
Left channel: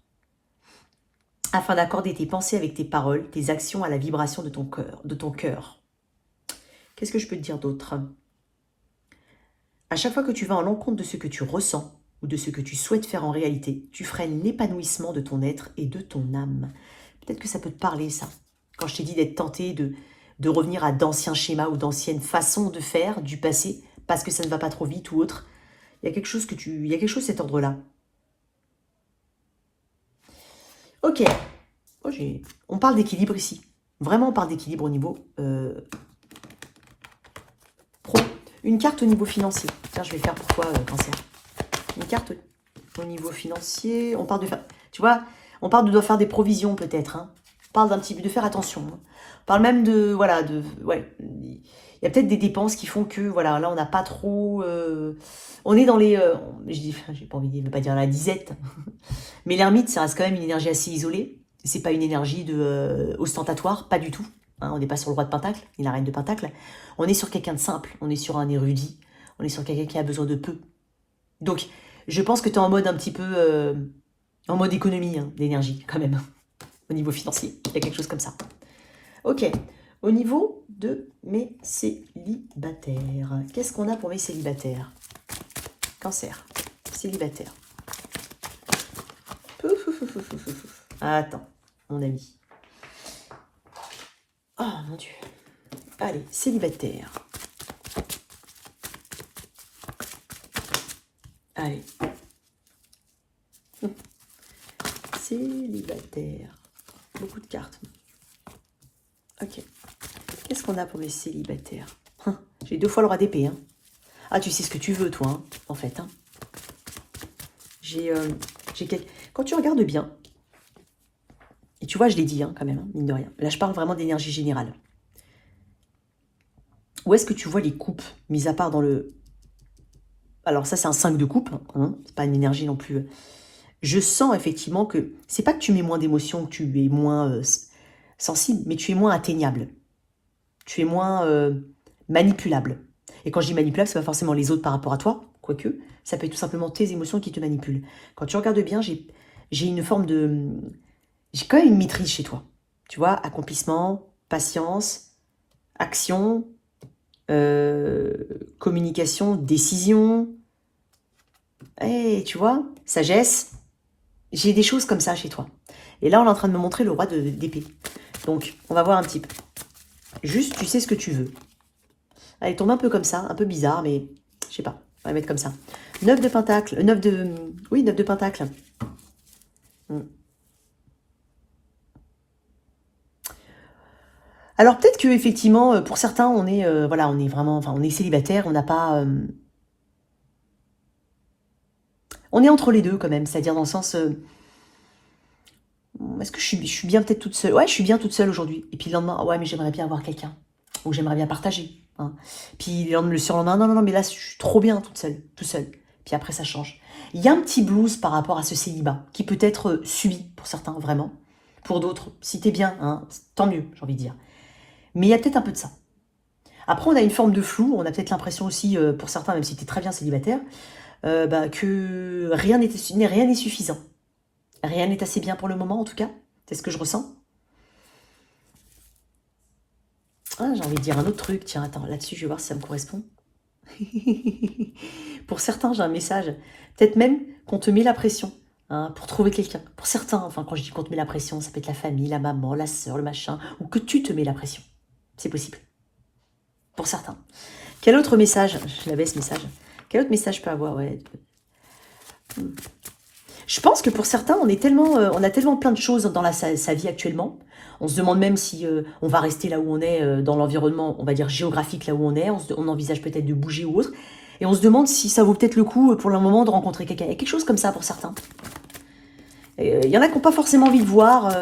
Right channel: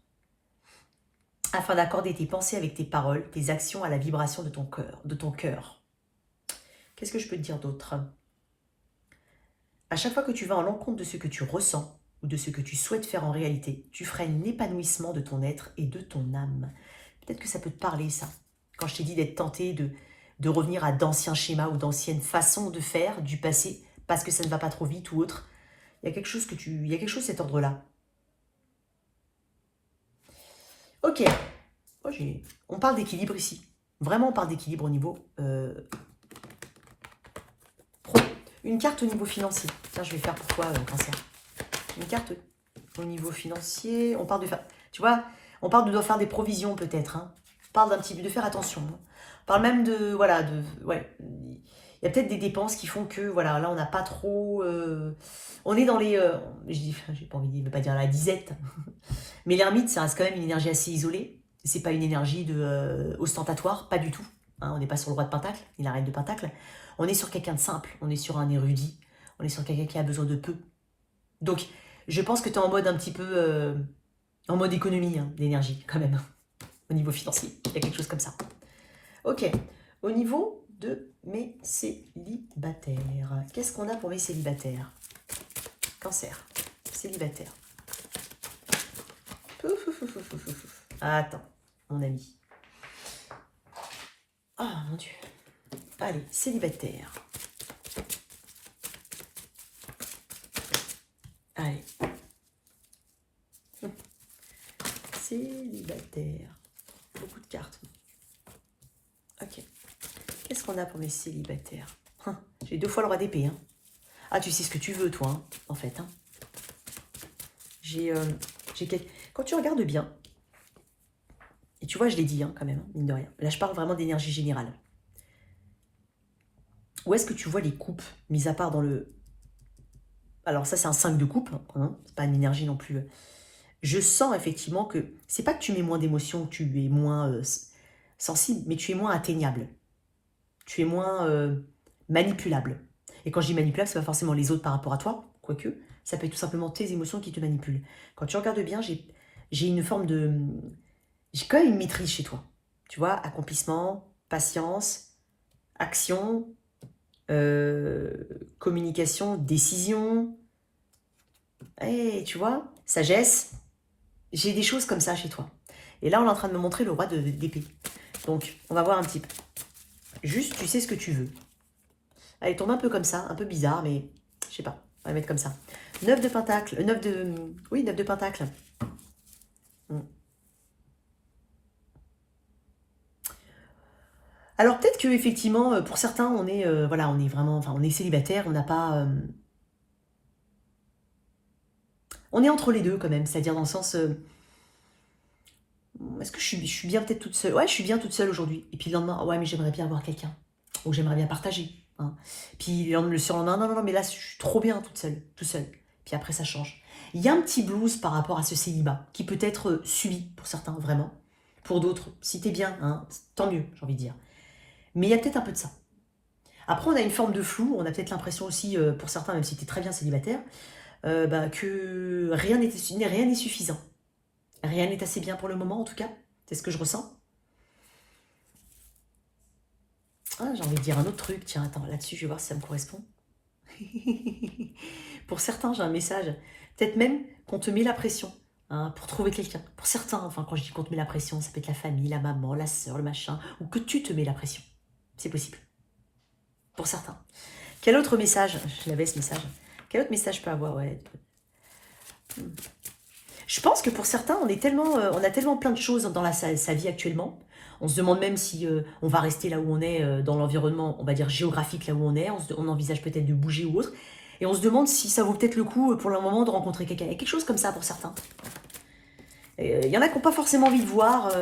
afin d'accorder tes pensées avec tes paroles, tes actions à la vibration de ton cœur. Qu'est-ce que je peux te dire d'autre? À chaque fois que tu vas en l'encontre de ce que tu ressens ou de ce que tu souhaites faire en réalité, tu freines l'épanouissement de ton être et de ton âme. Peut-être que ça peut te parler, ça. Quand je t'ai dit d'être tenté de revenir à d'anciens schémas ou d'anciennes façons de faire du passé, parce que ça ne va pas trop vite ou autre, il y a quelque chose de cet ordre-là. Ok. Oh, on parle d'équilibre ici. Vraiment, on parle d'équilibre au niveau pro. Une carte au niveau financier. Tiens, je vais faire pour toi, cancer. Une carte au niveau financier. On parle de faire... Tu vois, on parle de faire des provisions peut-être. Hein. On parle d'un petit peu de faire attention. Hein. On parle même de... Voilà, ouais. Il y a peut-être des dépenses qui font que, voilà, là, on n'a pas trop... on est dans les... j'ai pas envie de ne pas dire la disette. Mais l'ermite, ça reste quand même une énergie assez isolée. C'est pas une énergie ostentatoire, pas du tout. Hein, on n'est pas sur le roi de Pentacle, ni la reine de Pentacle. On est sur quelqu'un de simple, on est sur un érudit, on est sur quelqu'un qui a besoin de peu. Donc, je pense que tu es en mode un petit peu... en mode économie hein, d'énergie, quand même. Au niveau financier, il y a quelque chose comme ça. Ok, au niveau de mes célibataires. Qu'est-ce qu'on a pour mes célibataires? Cancer, célibataire. Attends, mon ami. Oh mon Dieu. Allez, célibataire. Allez. Célibataire. Beaucoup de cartes. Ok. Qu'est-ce qu'on a pour les célibataires? J'ai 2 fois le roi d'épée. Hein. Ah, tu sais ce que tu veux, toi, hein, en fait. Hein. Quand tu regardes bien, et tu vois, je l'ai dit, hein, quand même, hein, mine de rien. Là, je parle vraiment d'énergie générale. Où est-ce que tu vois les coupes, mis à part dans le... Alors ça, c'est un 5 de coupe, hein, c'est pas une énergie non plus. Je sens effectivement que c'est pas que tu mets moins d'émotions, que tu es moins sensible, mais tu es moins atteignable. Tu es moins manipulable. Et quand je dis manipulable, c'est pas forcément les autres par rapport à toi, quoique, ça peut être tout simplement tes émotions qui te manipulent. Quand tu regardes bien, j'ai une forme de... J'ai quand même une maîtrise chez toi. Tu vois, accomplissement, patience, action, communication, décision, et tu vois, sagesse. J'ai des choses comme ça chez toi. Et là, on est en train de me montrer le roi d'épée. Donc, on va voir un petit peu. Juste, tu sais ce que tu veux. Elle tombe un peu comme ça, un peu bizarre, mais je sais pas. On va la mettre comme ça. 9 de pentacle. 9 de... Oui, 9 de pentacle. Alors peut-être que effectivement, pour certains, on est voilà, on est vraiment, enfin, on est célibataire, on n'a pas, on est entre les deux quand même, c'est-à-dire dans le sens, est-ce que je suis bien peut-être toute seule? Ouais, je suis bien toute seule aujourd'hui. Et puis le lendemain, ouais, mais j'aimerais bien avoir quelqu'un, ou j'aimerais bien partager. Hein. Puis le surlendemain, non, non, non, mais là, je suis trop bien toute seule, tout seul. Puis après, ça change. Il y a un petit blues par rapport à ce célibat qui peut être subi pour certains, vraiment. Pour d'autres, si t'es bien, hein, tant mieux, j'ai envie de dire. Mais il y a peut-être un peu de ça. Après, on a une forme de flou. On a peut-être l'impression aussi, pour certains, même si tu es très bien célibataire, que rien n'est suffisant. Rien n'est assez bien pour le moment, en tout cas. C'est ce que je ressens. Ah, j'ai envie de dire un autre truc. Tiens, attends, là-dessus, je vais voir si ça me correspond. Pour certains, j'ai un message. Peut-être même qu'on te met la pression hein, pour trouver quelqu'un. Pour certains, enfin, quand je dis qu'on te met la pression, ça peut être la famille, la maman, la sœur, le machin, ou que tu te mets la pression. C'est possible. Pour certains. Quel autre message? Je l'avais ce message. Quel autre message je peux avoir? Ouais. Je pense que pour certains, on a tellement plein de choses dans sa vie actuellement. On se demande même si on va rester là où on est, dans l'environnement, on va dire géographique, là où on est. On envisage peut-être de bouger ou autre. Et on se demande si ça vaut peut-être le coup pour le moment de rencontrer quelqu'un. Il y a quelque chose comme ça pour certains. Il y en a qui n'ont pas forcément envie de voir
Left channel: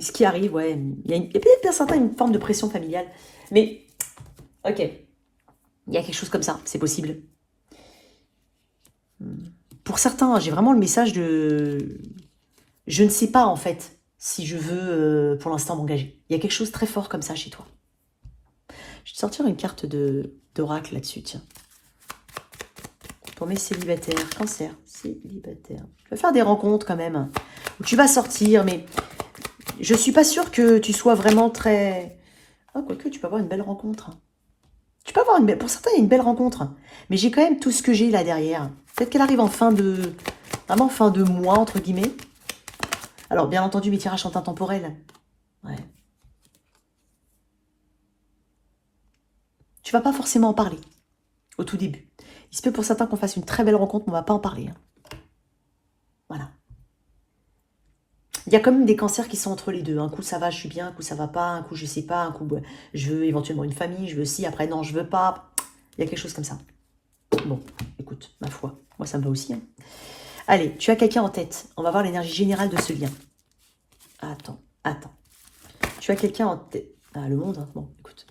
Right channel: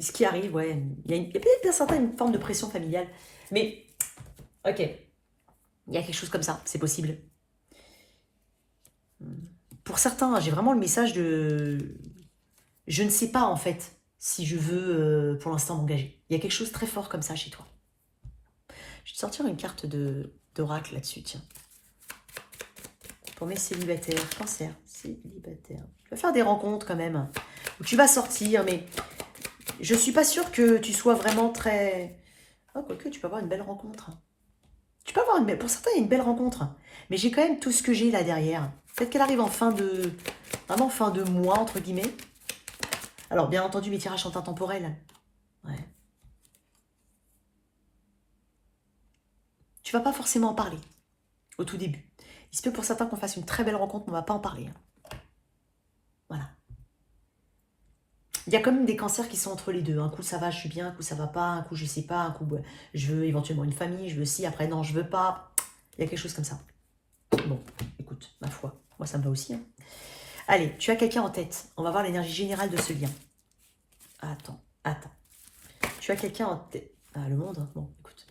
ce qui arrive. Ouais. Il y a peut-être pour certains une forme de pression familiale. Mais, ok. Il y a quelque chose comme ça, c'est possible. Pour certains, j'ai vraiment le message de... Je ne sais pas, en fait, si je veux, pour l'instant, m'engager. Il y a quelque chose de très fort comme ça chez toi. Je vais te sortir une carte d'oracle là-dessus, tiens. Pour mes célibataires, cancer, célibataire. Tu vas faire des rencontres quand même. Où tu vas sortir, mais je suis pas sûre que tu sois vraiment très... Ah, quoique, tu peux avoir une belle rencontre. Tu peux avoir une belle... Pour certains, il y a une belle rencontre. Mais j'ai quand même tout ce que j'ai là derrière. Peut-être qu'elle arrive en fin de... Vraiment fin de mois, entre guillemets. Alors, bien entendu, mes tirages sont intemporels. Ouais. Tu vas pas forcément en parler au tout début. Il se peut pour certains qu'on fasse une très belle rencontre, mais on va pas en parler. Hein. Voilà. Il y a quand même des cancers qui sont entre les deux. Un coup, ça va, je suis bien. Un coup, ça va pas. Un coup, je sais pas. Un coup, je veux éventuellement une famille. Je veux si. Après, non, je veux pas. Il y a quelque chose comme ça. Bon, écoute, ma foi. Moi, ça me va aussi. Hein. Allez, tu as quelqu'un en tête. On va voir l'énergie générale de ce lien. Attends. Tu as quelqu'un en tête. Ah, le monde, hein. Bon, écoute.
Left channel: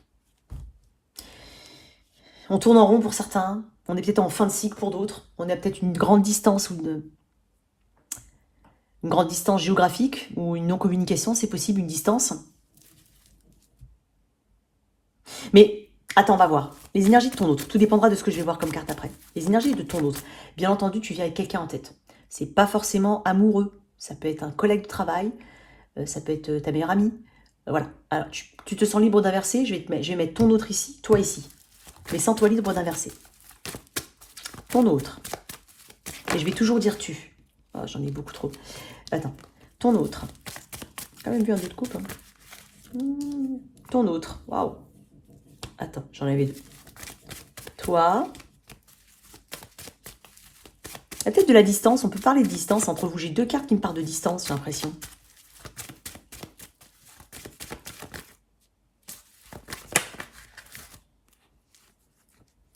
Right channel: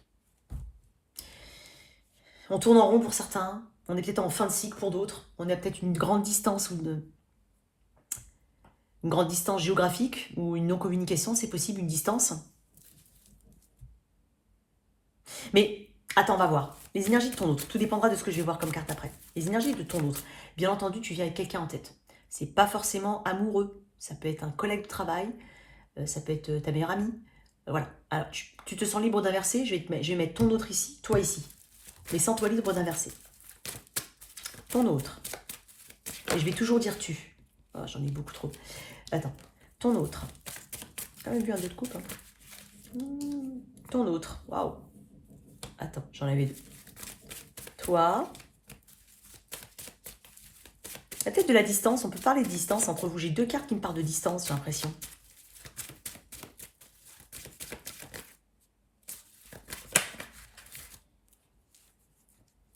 On tourne en rond pour certains. On est peut-être en fin de cycle pour d'autres. On a peut-être une grande distance ou une grande distance géographique ou une non-communication, c'est possible, une distance. Mais, attends, on va voir. Les énergies de ton autre. Tout dépendra de ce que je vais voir comme carte après. Les énergies de ton autre. Bien entendu, tu viens avec quelqu'un en tête. C'est pas forcément amoureux. Ça peut être un collègue de travail. Ça peut être ta meilleure amie. Voilà. Alors, tu te sens libre d'inverser. Je vais mettre ton autre ici, toi ici. Mais sans toi libre d'inverser. Ton autre. Et je vais toujours dire tu. Oh, j'en ai beaucoup trop. Attends. Ton autre. Quand même vu un jeu de coupe. Hein. Ton autre. Waouh. Attends, j'en avais deux. Toi. y a peut-être de la distance, on peut parler de distance entre vous. J'ai 2 cartes qui me parlent de distance, j'ai l'impression.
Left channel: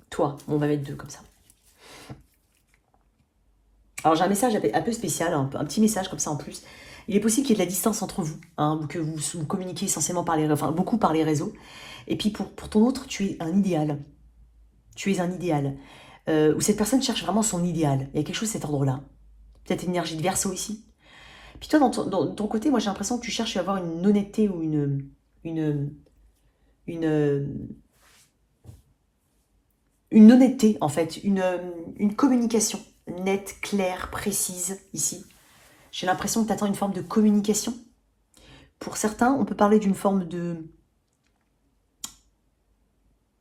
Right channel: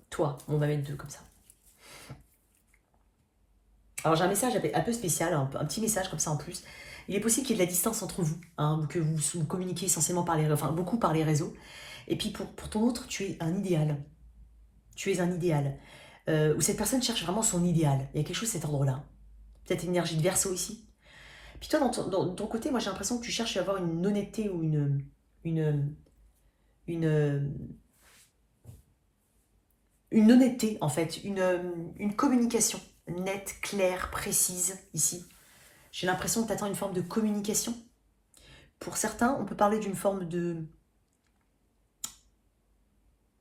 Toi, on va mettre 2 comme ça. Alors j'ai un message un peu spécial, un petit message comme ça en plus. Il est possible qu'il y ait de la distance entre vous, hein, que vous communiquez essentiellement par les, enfin beaucoup par les réseaux. Et puis pour ton autre, tu es un idéal. Tu es un idéal. Où cette personne cherche vraiment son idéal. Il y a quelque chose de cet ordre-là. Peut-être une énergie de Verseau ici. Puis toi, dans ton côté, moi j'ai l'impression que tu cherches à avoir une honnêteté ou une honnêteté en fait, une communication nette, claire, précise ici. J'ai l'impression que tu attends une forme de communication. Pour certains, on peut parler d'une forme de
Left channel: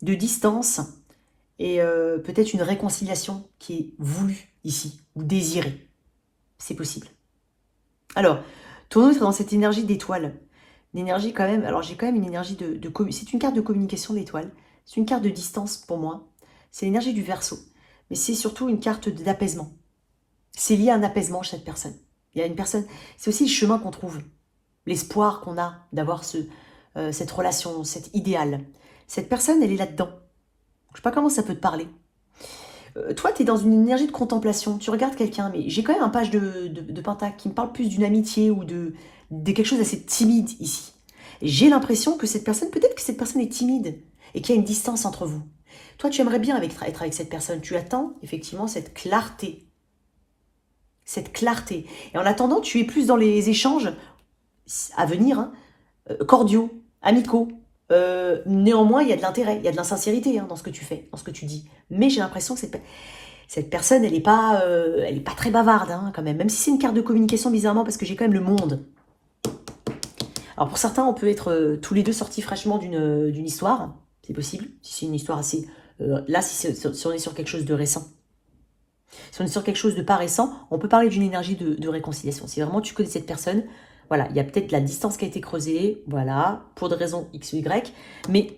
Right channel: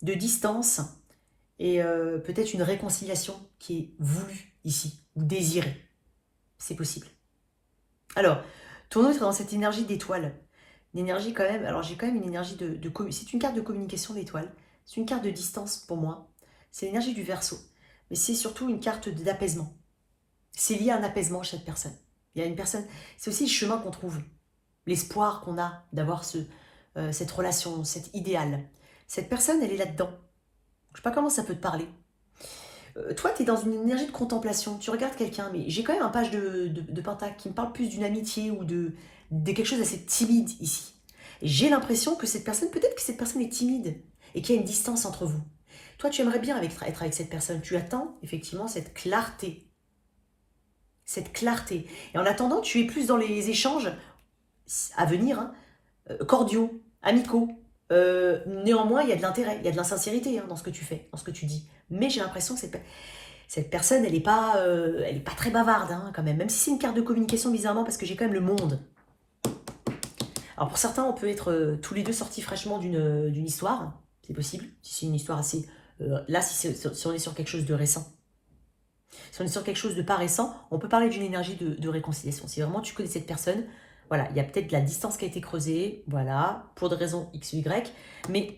distance et peut-être une réconciliation qui est voulue ici, ou désirée. C'est possible. Alors, ton autre est dans cette énergie d'étoile. Une énergie quand même, alors j'ai quand même une énergie c'est une carte de communication d'étoile. C'est une carte de distance pour moi. C'est l'énergie du Verseau. Mais c'est surtout une carte d'apaisement. C'est lié à un apaisement chez cette personne. Il y a une personne, c'est aussi le chemin qu'on trouve. L'espoir qu'on a d'avoir cette relation, cet idéal. Cette personne, elle est là-dedans. Je ne sais pas comment ça peut te parler. Toi, tu es dans une énergie de contemplation. Tu regardes quelqu'un, mais j'ai quand même un page de Pentacle qui me parle plus d'une amitié ou de quelque chose d'assez timide ici. J'ai l'impression que cette personne, peut-être que cette personne est timide et qu'il y a une distance entre vous. Toi, tu aimerais bien être avec cette personne. Tu attends effectivement cette clarté. Cette clarté. Et en attendant, tu es plus dans les échanges à venir, hein, cordiaux, amicaux. Néanmoins, il y a de l'intérêt, il y a de l'insincérité dans ce que tu fais, dans ce que tu dis. Mais j'ai l'impression que cette personne, elle n'est pas très bavarde quand même. Même si c'est une carte de communication bizarrement, parce que j'ai quand même le monde. Alors pour certains, on peut être tous les deux sortis fraîchement d'une histoire. C'est possible, si c'est une histoire assez... là, si on est sur quelque chose de récent. Si on est sur quelque chose de pas récent, on peut parler d'une énergie de réconciliation. Si vraiment tu connais cette personne, voilà, il y a peut-être de la distance qui a été creusée, voilà, pour des raisons X ou Y, mais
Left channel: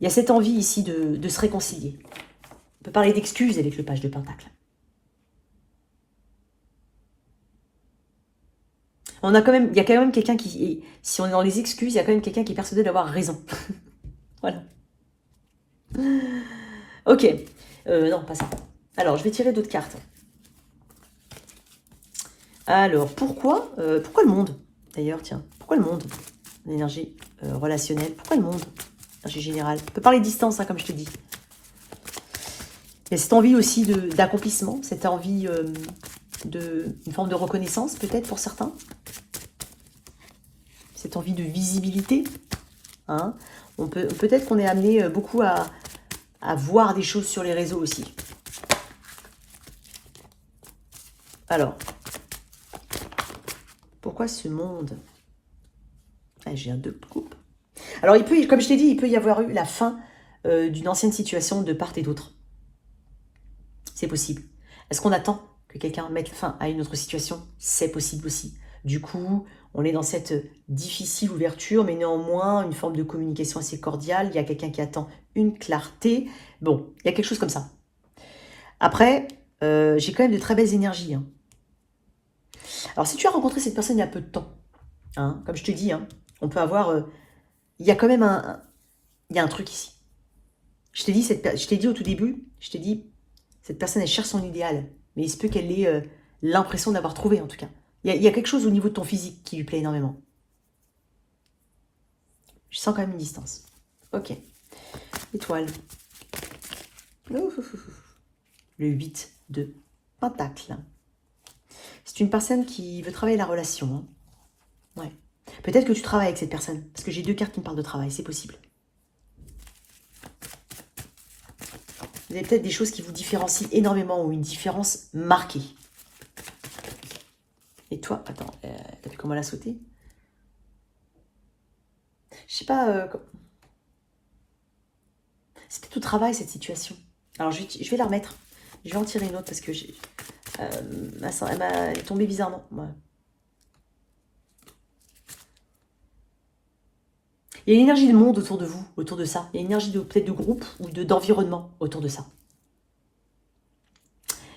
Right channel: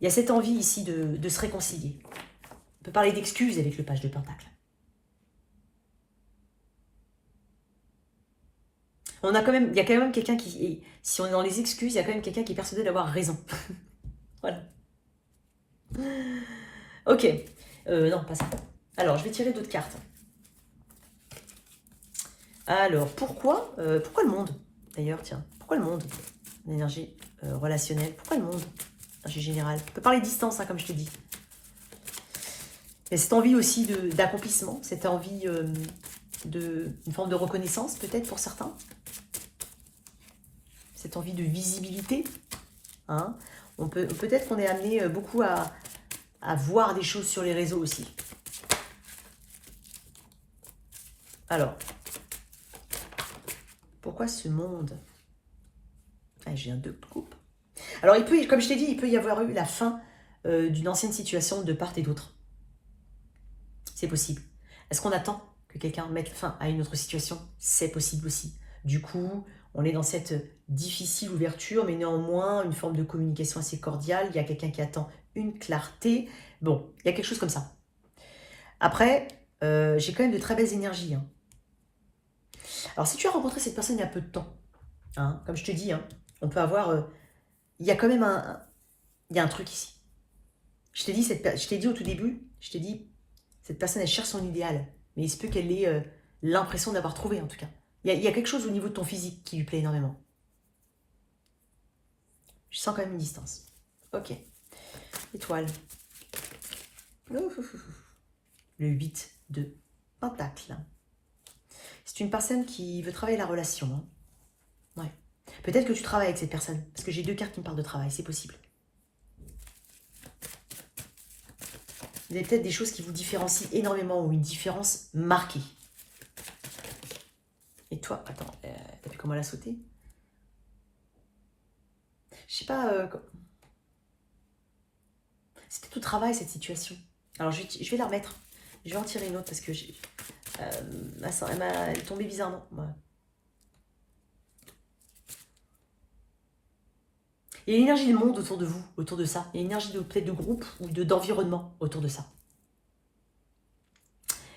il y a cette envie ici de se réconcilier. On peut parler d'excuses avec le page de Pentacle. Il y a quand même quelqu'un qui, si on est dans les excuses, il y a quand même quelqu'un qui est persuadé d'avoir raison. Voilà. Ok. Non, pas ça. Alors, je vais tirer d'autres cartes. Alors, pourquoi le monde? D'ailleurs, tiens, pourquoi le monde? L'énergie relationnelle. Pourquoi le monde? L'énergie générale. On peut parler de distance, comme je te dis. Il y a cette envie aussi d'accomplissement, cette envie une forme de reconnaissance, peut-être pour certains. Cette envie de visibilité. Hein. Peut-être qu'on est amené beaucoup à voir des choses sur les réseaux aussi. Alors, pourquoi ce monde? J'ai un 2 de coupe. Alors, comme je t'ai dit, il peut y avoir eu la fin d'une ancienne situation de part et d'autre. C'est possible. Est-ce qu'on attend que quelqu'un mette fin à une autre situation? C'est possible aussi. Du coup, on est dans cette difficile ouverture, mais néanmoins, une forme de communication assez cordiale. Il y a quelqu'un qui attend une clarté. Bon, il y a quelque chose comme ça. Après, j'ai quand même de très belles énergies. Alors, si tu as rencontré cette personne il y a peu de temps, comme je te dis, on peut avoir... il y a quand même il y a un truc ici. Je t'ai dit au tout début, cette personne, elle cherche son idéal. Mais il se peut qu'elle ait l'impression d'avoir trouvé, en tout cas. Il y a quelque chose au niveau de ton physique qui lui plaît énormément. Je sens quand même une distance. Ok. Étoile. Le 8 de Pentacle. C'est une personne qui veut travailler la relation. Ouais. Peut-être que tu travailles avec cette personne. Parce que j'ai 2 cartes qui me parlent de travail. C'est possible. Vous avez peut-être des choses qui vous différencient énormément ou une différence marquée. Et toi, attends, t'as vu comment elle a sauté? Je sais pas... C'était tout travail, cette situation. Alors, je vais la remettre. Je vais en tirer une autre parce que elle est tombée bizarrement. Ouais. Il y a une énergie de monde autour de vous, autour de ça. Il y a une énergie peut-être de groupe ou d'environnement autour de ça.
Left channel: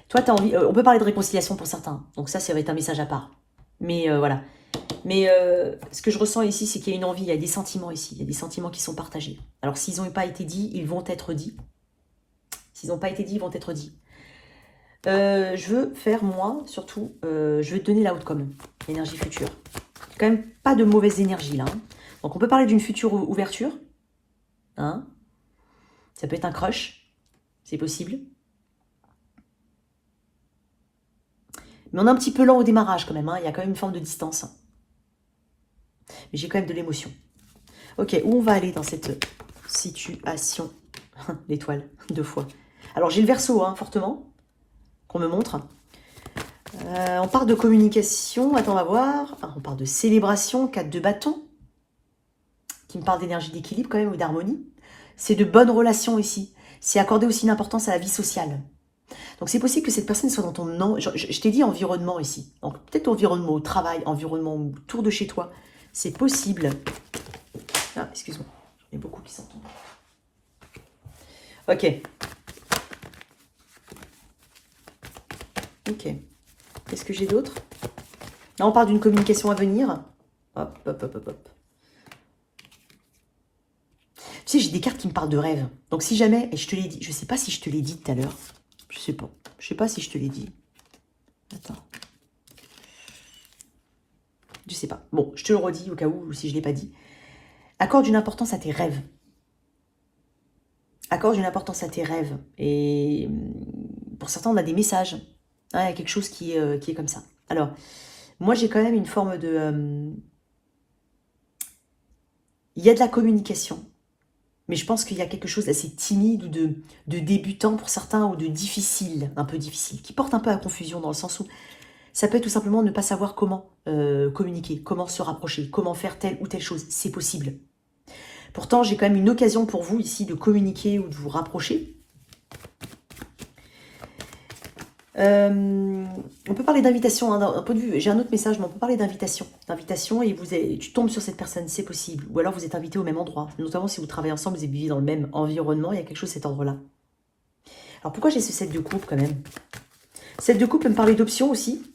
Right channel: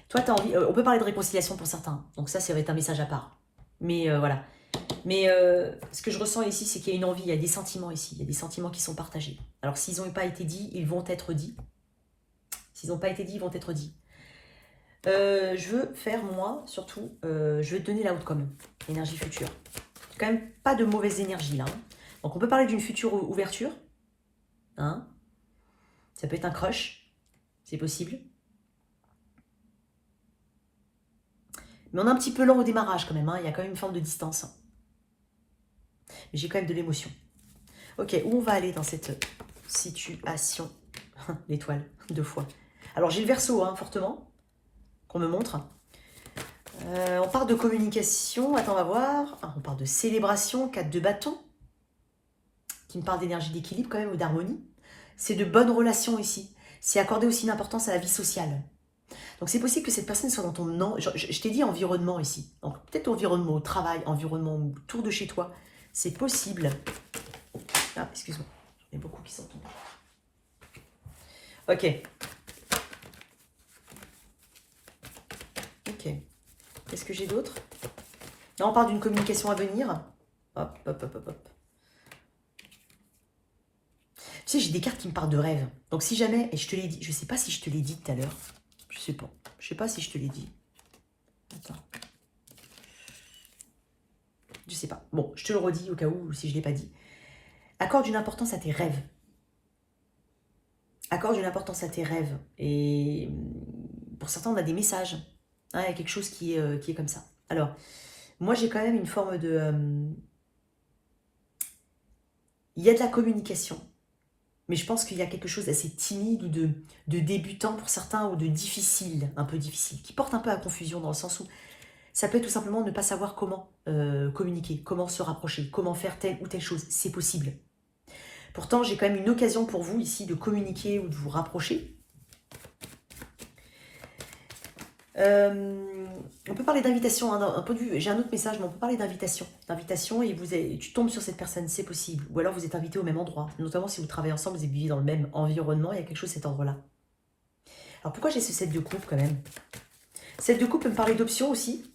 Toi, tu as envie... on peut parler de réconciliation pour certains. Donc ça va être un message à part. Mais voilà. Mais ce que je ressens ici, c'est qu'il y a une envie, il y a des sentiments ici. Il y a des sentiments qui sont partagés. Alors, s'ils n'ont pas été dits, ils vont être dits. S'ils n'ont pas été dits, ils vont être dits. Je veux faire, moi, surtout, je vais te donner l'outcome, l'énergie future. Il n'y a quand même pas de mauvaise énergie, là. Hein. Donc, on peut parler d'une future ouverture. Hein. Ça peut être un crush. C'est possible. Mais on est un petit peu lent au démarrage, quand même. Hein. Il y a quand même une forme de distance. Mais j'ai quand même de l'émotion. Ok, où on va aller dans cette situation? L'étoile, 2 fois. Alors, j'ai le Verseau, hein, fortement, qu'on me montre. On parle de communication. Attends, on va voir. On parle de célébration, 4 de bâton, qui me parle d'énergie d'équilibre, quand même, ou d'harmonie. C'est de bonnes relations ici. C'est accorder aussi une importance à la vie sociale. Donc, c'est possible que cette personne soit dans ton... Non, je t'ai dit environnement ici. Donc, peut-être environnement au travail, environnement autour de chez toi. C'est possible. Ah, excuse-moi. Il y en a beaucoup qui s'entendent. Ok. Ok. Qu'est-ce que j'ai d'autre? Là, on parle d'une communication à venir. Hop, hop, hop, hop, hop. Tu sais, j'ai des cartes qui me parlent de rêve. Donc, si jamais, et je te l'ai dit, je ne sais pas si je te l'ai dit tout à l'heure. Je sais pas. Je sais pas si je te l'ai dit. Attends. Je sais pas. Bon, je te le redis au cas où, si je ne l'ai pas dit. Accorde une importance à tes rêves. Accorde une importance à tes rêves. Et pour certains, on a des messages. Hein, il y a quelque chose qui est comme ça. Alors, moi, j'ai quand même une forme de... il y a de la communication. Mais je pense qu'il y a quelque chose d'assez timide ou de débutant pour certains ou de difficile, un peu difficile, qui porte un peu à confusion dans le sens où ça peut être tout simplement ne pas savoir comment communiquer, comment se rapprocher, comment faire telle ou telle chose. C'est possible. Pourtant, j'ai quand même une occasion pour vous ici de communiquer ou de vous rapprocher. On peut parler d'invitation, hein, d'un point de vue, j'ai un autre message, mais on peut parler d'invitation. D'invitation et tu tombes sur cette personne, c'est possible. Ou alors vous êtes invité au même endroit, notamment si vous travaillez ensemble, vous vivez dans le même environnement, il y a quelque chose de cet ordre-là. Alors pourquoi j'ai ce 7 de coupe quand même? 7 de coupe peut me parler d'options aussi.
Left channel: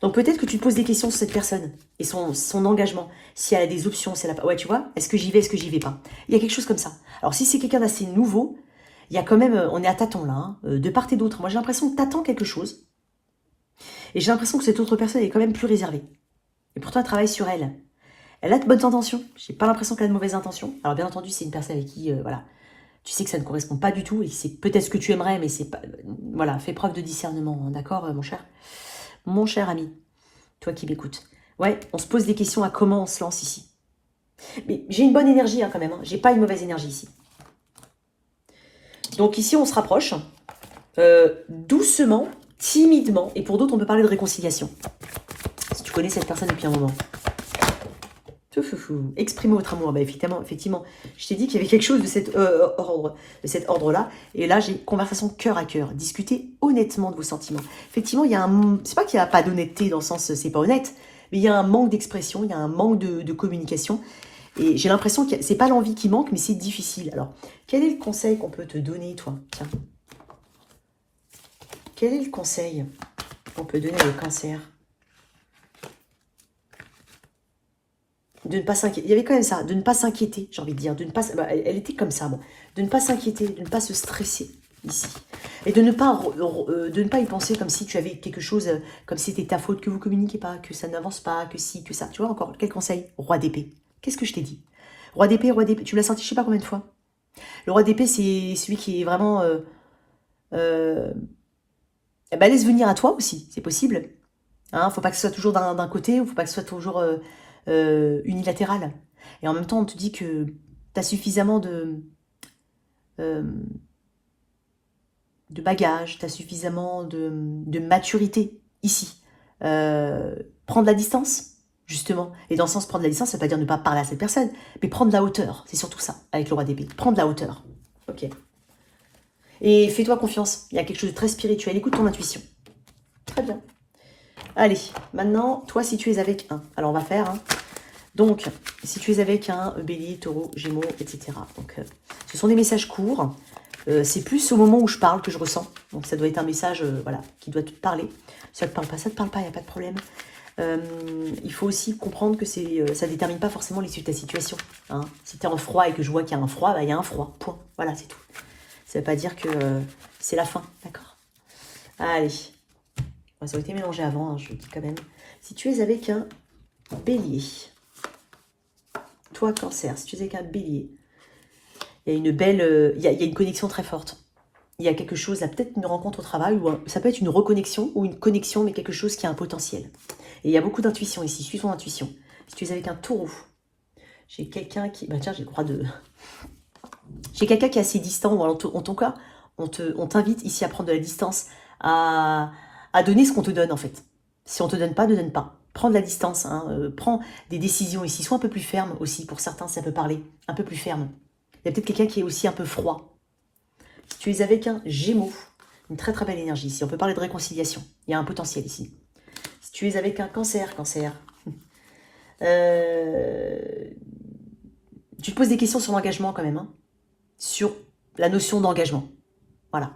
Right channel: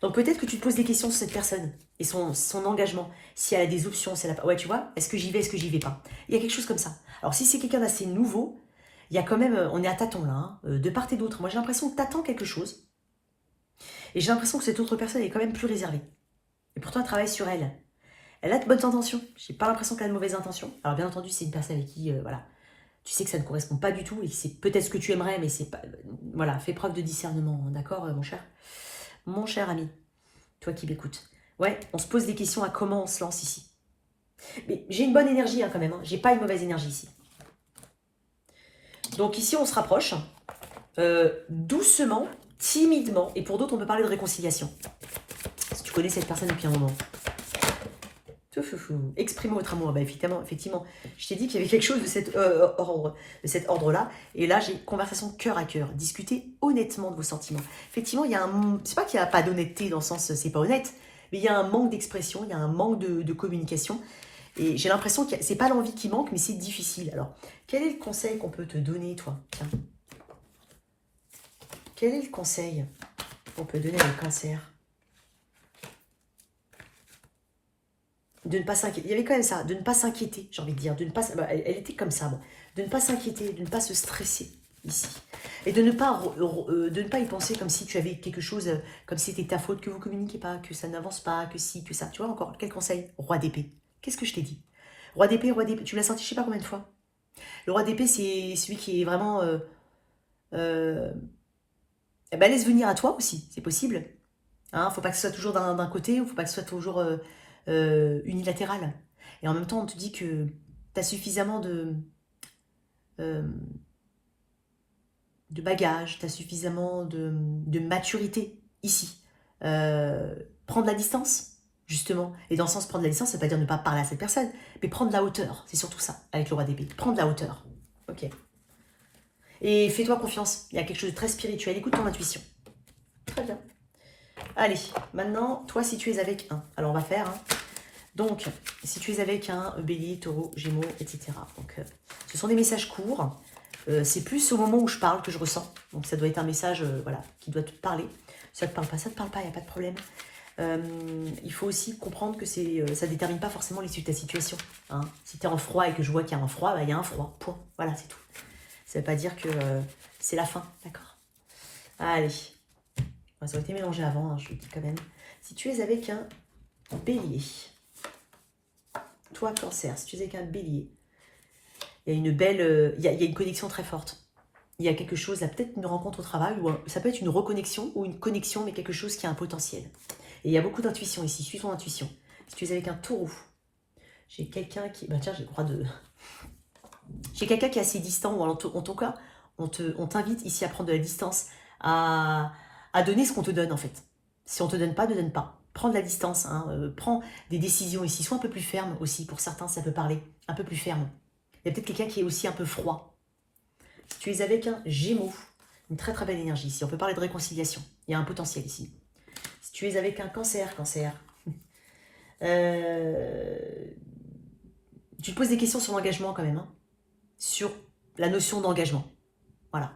Donc peut-être que tu te poses des questions sur cette personne et son engagement. Si elle a des options, si elle a pas... Ouais, tu vois, est-ce que j'y vais, est-ce que j'y vais pas? Il y a quelque chose comme ça. Alors si c'est quelqu'un d'assez nouveau, il y a quand même, on est à tâtons là, hein, de part et d'autre. Moi j'ai l'impression que tu attends quelque chose. Et j'ai l'impression que cette autre personne est quand même plus réservée. Et pourtant elle travaille sur elle. Elle a de bonnes intentions. J'ai pas l'impression qu'elle a de mauvaises intentions. Alors bien entendu, c'est une personne avec qui, voilà, tu sais que ça ne correspond pas du tout et c'est peut-être ce que tu aimerais, mais c'est pas... Voilà, fais preuve de discernement, hein, d'accord, mon cher? Mon cher ami, toi qui m'écoutes. Ouais, on se pose des questions à comment on se lance ici. Mais j'ai une bonne énergie hein, quand même. Hein. J'ai pas une mauvaise énergie ici. Donc ici, on se rapproche. Doucement, timidement. Et pour d'autres, on peut parler de réconciliation. Si tu connais cette personne depuis un moment. Exprimer votre amour. Bah, effectivement, je t'ai dit qu'il y avait quelque chose de cet ordre-là. Et là, j'ai conversation cœur à cœur. Discuter honnêtement de vos sentiments. Effectivement, il y a un... C'est pas qu'il n'y a pas d'honnêteté dans le sens c'est pas honnête, mais il y a un manque d'expression, il y a un manque de communication. Et j'ai l'impression que c'est pas l'envie qui manque, mais c'est difficile. Alors, quel est le conseil qu'on peut te donner, toi? Tiens. Quel est le conseil qu'on peut donner au cancer? De ne pas s'inquiéter. Il y avait quand même ça, de ne pas s'inquiéter, j'ai envie de dire. De ne pas, bah, elle était comme ça, bon. De ne pas s'inquiéter, de ne pas se stresser ici. Et de ne pas y penser comme si tu avais quelque chose, comme si c'était ta faute, que vous ne communiquez pas, que ça n'avance pas, que si, que ça. Tu vois encore, quel conseil? Roi d'épée. Qu'est-ce que je t'ai dit? Roi d'épée, tu l'as senti je sais pas combien de fois. Le roi d'épée, c'est celui qui est vraiment... bah, laisse venir à toi aussi, c'est possible. Hein, faut pas que ce soit toujours d'un côté, il faut pas que ce soit toujours unilatéral. Et en même temps, on te dit que tu as suffisamment de bagages, tu as suffisamment de maturité ici. Prendre la distance, justement. Et dans le sens prendre la distance, ça ne veut pas dire ne pas parler à cette personne, mais prendre la hauteur, c'est surtout ça, avec le roi d'épée. Prendre la hauteur. Ok. Et fais-toi confiance, il y a quelque chose de très spirituel, écoute ton intuition. Très bien. Allez, maintenant, toi, si tu es avec un, alors on va faire, hein. Donc, si tu es avec un bélier, taureau, gémeaux, etc. Donc, ce sont des messages courts. C'est plus au moment où je parle que je ressens. Donc ça doit être un message voilà, qui doit te parler. Ça ne te parle pas, ça ne te parle pas, il n'y a pas de problème. Il faut aussi comprendre que ça ne détermine pas forcément l'issue de ta situation. Hein. Si tu es en froid et que je vois qu'il y a un froid, bah, il y a un froid, point. Voilà, c'est tout. Ça ne veut pas dire que c'est la fin, d'accord? Allez. Ça a été mélangé avant, hein, je le dis quand même. Si tu es avec un bélier, toi cancer, si tu es avec un bélier, il y a une belle, il y a une connexion très forte. Il y a quelque chose, là, peut-être une rencontre au travail, ou ça peut être une reconnexion ou une connexion, mais quelque chose qui a un potentiel. Et il y a beaucoup d'intuition ici, suis ton intuition. Si tu es avec un taureau, j'ai quelqu'un qui... Bah tiens, j'ai le droit de... J'ai quelqu'un qui est assez distant, ou en ton cas, on t'invite ici à prendre de la distance, à donner ce qu'on te donne en fait. Si on ne te donne pas, ne donne pas. Prends de la distance, hein, prends des décisions ici, sois un peu plus ferme aussi, pour certains ça peut parler, un peu plus ferme. Il y a peut-être quelqu'un qui est aussi un peu froid. Si tu es avec un Gémeaux, une très très belle énergie ici, on peut parler de réconciliation, il y a un potentiel ici. Si tu es avec un cancer, tu te poses des questions sur l'engagement quand même, hein, sur la notion d'engagement. Voilà.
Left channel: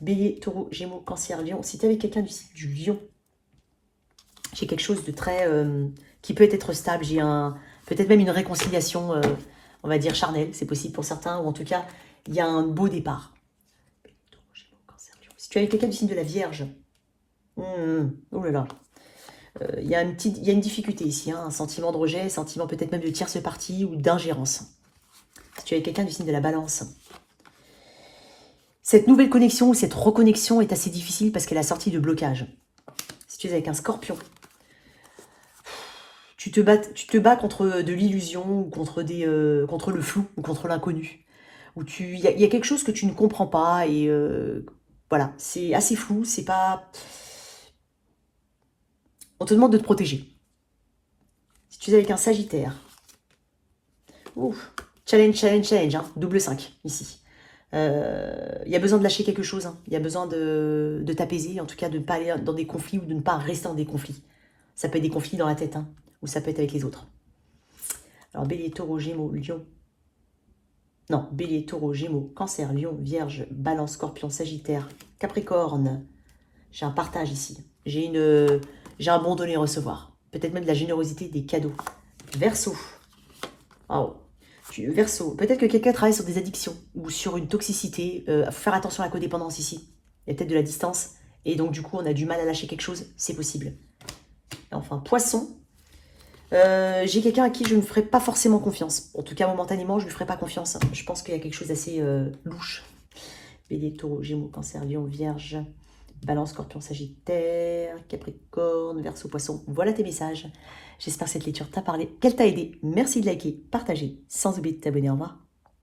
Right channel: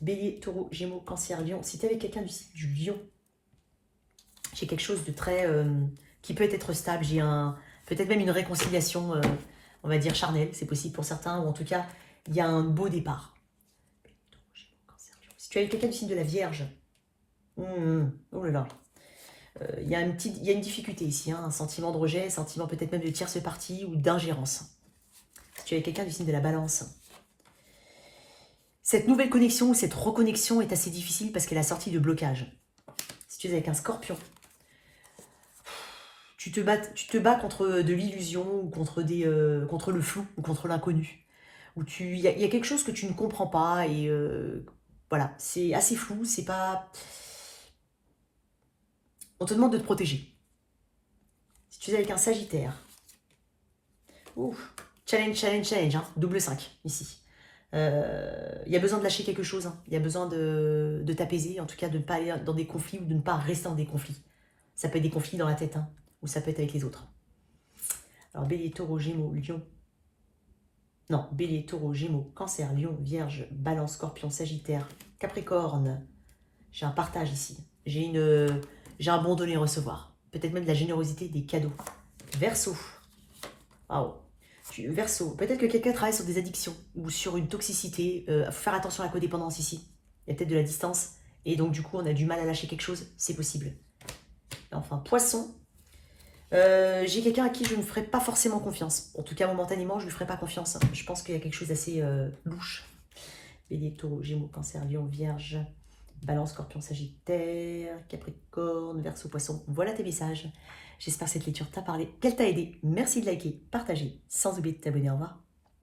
Bélier, taureau, gémeaux, cancer, lion. Si tu es avec quelqu'un du lion, j'ai quelque chose de très... qui peut être stable. J'ai peut-être même une réconciliation, on va dire charnelle. C'est possible pour certains. Ou en tout cas, il y a un beau départ. Bélier, taureau, gémeaux, cancer, lion. Si tu es avec quelqu'un du signe de la Vierge, oh là là. Il y a une difficulté ici. Hein, un sentiment de rejet, un sentiment peut-être même de tierce partie ou d'ingérence. Si tu es avec quelqu'un du signe de la Balance, cette nouvelle connexion ou cette reconnexion est assez difficile parce qu'elle a sorti de blocage. Si tu es avec un Scorpion, tu te bats contre de l'illusion ou contre le flou ou contre l'inconnu. Il y a quelque chose que tu ne comprends pas et voilà, c'est assez flou, c'est pas... On te demande de te protéger. Si tu es avec un Sagittaire, ouf, challenge, hein, double 5 ici. Il y a besoin de lâcher quelque chose, hein. Il y a besoin de t'apaiser, en tout cas de ne pas aller dans des conflits ou de ne pas rester dans des conflits. Ça peut être des conflits dans la tête, hein, ou ça peut être avec les autres. Alors Bélier, Taureau, Gémeaux, Lion. Non, Bélier, Taureau, Gémeaux, Cancer, Lion, Vierge, Balance, Scorpion, Sagittaire, Capricorne. J'ai un partage ici. J'ai un bon donner et recevoir. Peut-être même de la générosité, des cadeaux. Verseau. Oh. Verseau, peut-être que quelqu'un travaille sur des addictions ou sur une toxicité. Faut faire attention à la codépendance ici. Il y a peut-être de la distance. Et donc, du coup, on a du mal à lâcher quelque chose. C'est possible. Et enfin, Poisson. J'ai quelqu'un à qui je ne ferai pas forcément confiance. En tout cas, momentanément, je ne lui ferai pas confiance. Je pense qu'il y a quelque chose d'assez louche. Bélier, Taureau, Gémeaux, Cancer, Lion, Vierge, Balance, Scorpion, Sagittaire, Capricorne, Verseau, Poisson. Voilà tes messages. J'espère que cette lecture t'a parlé, qu'elle t'a aidé. Merci de liker, partager, sans oublier de t'abonner. Au revoir.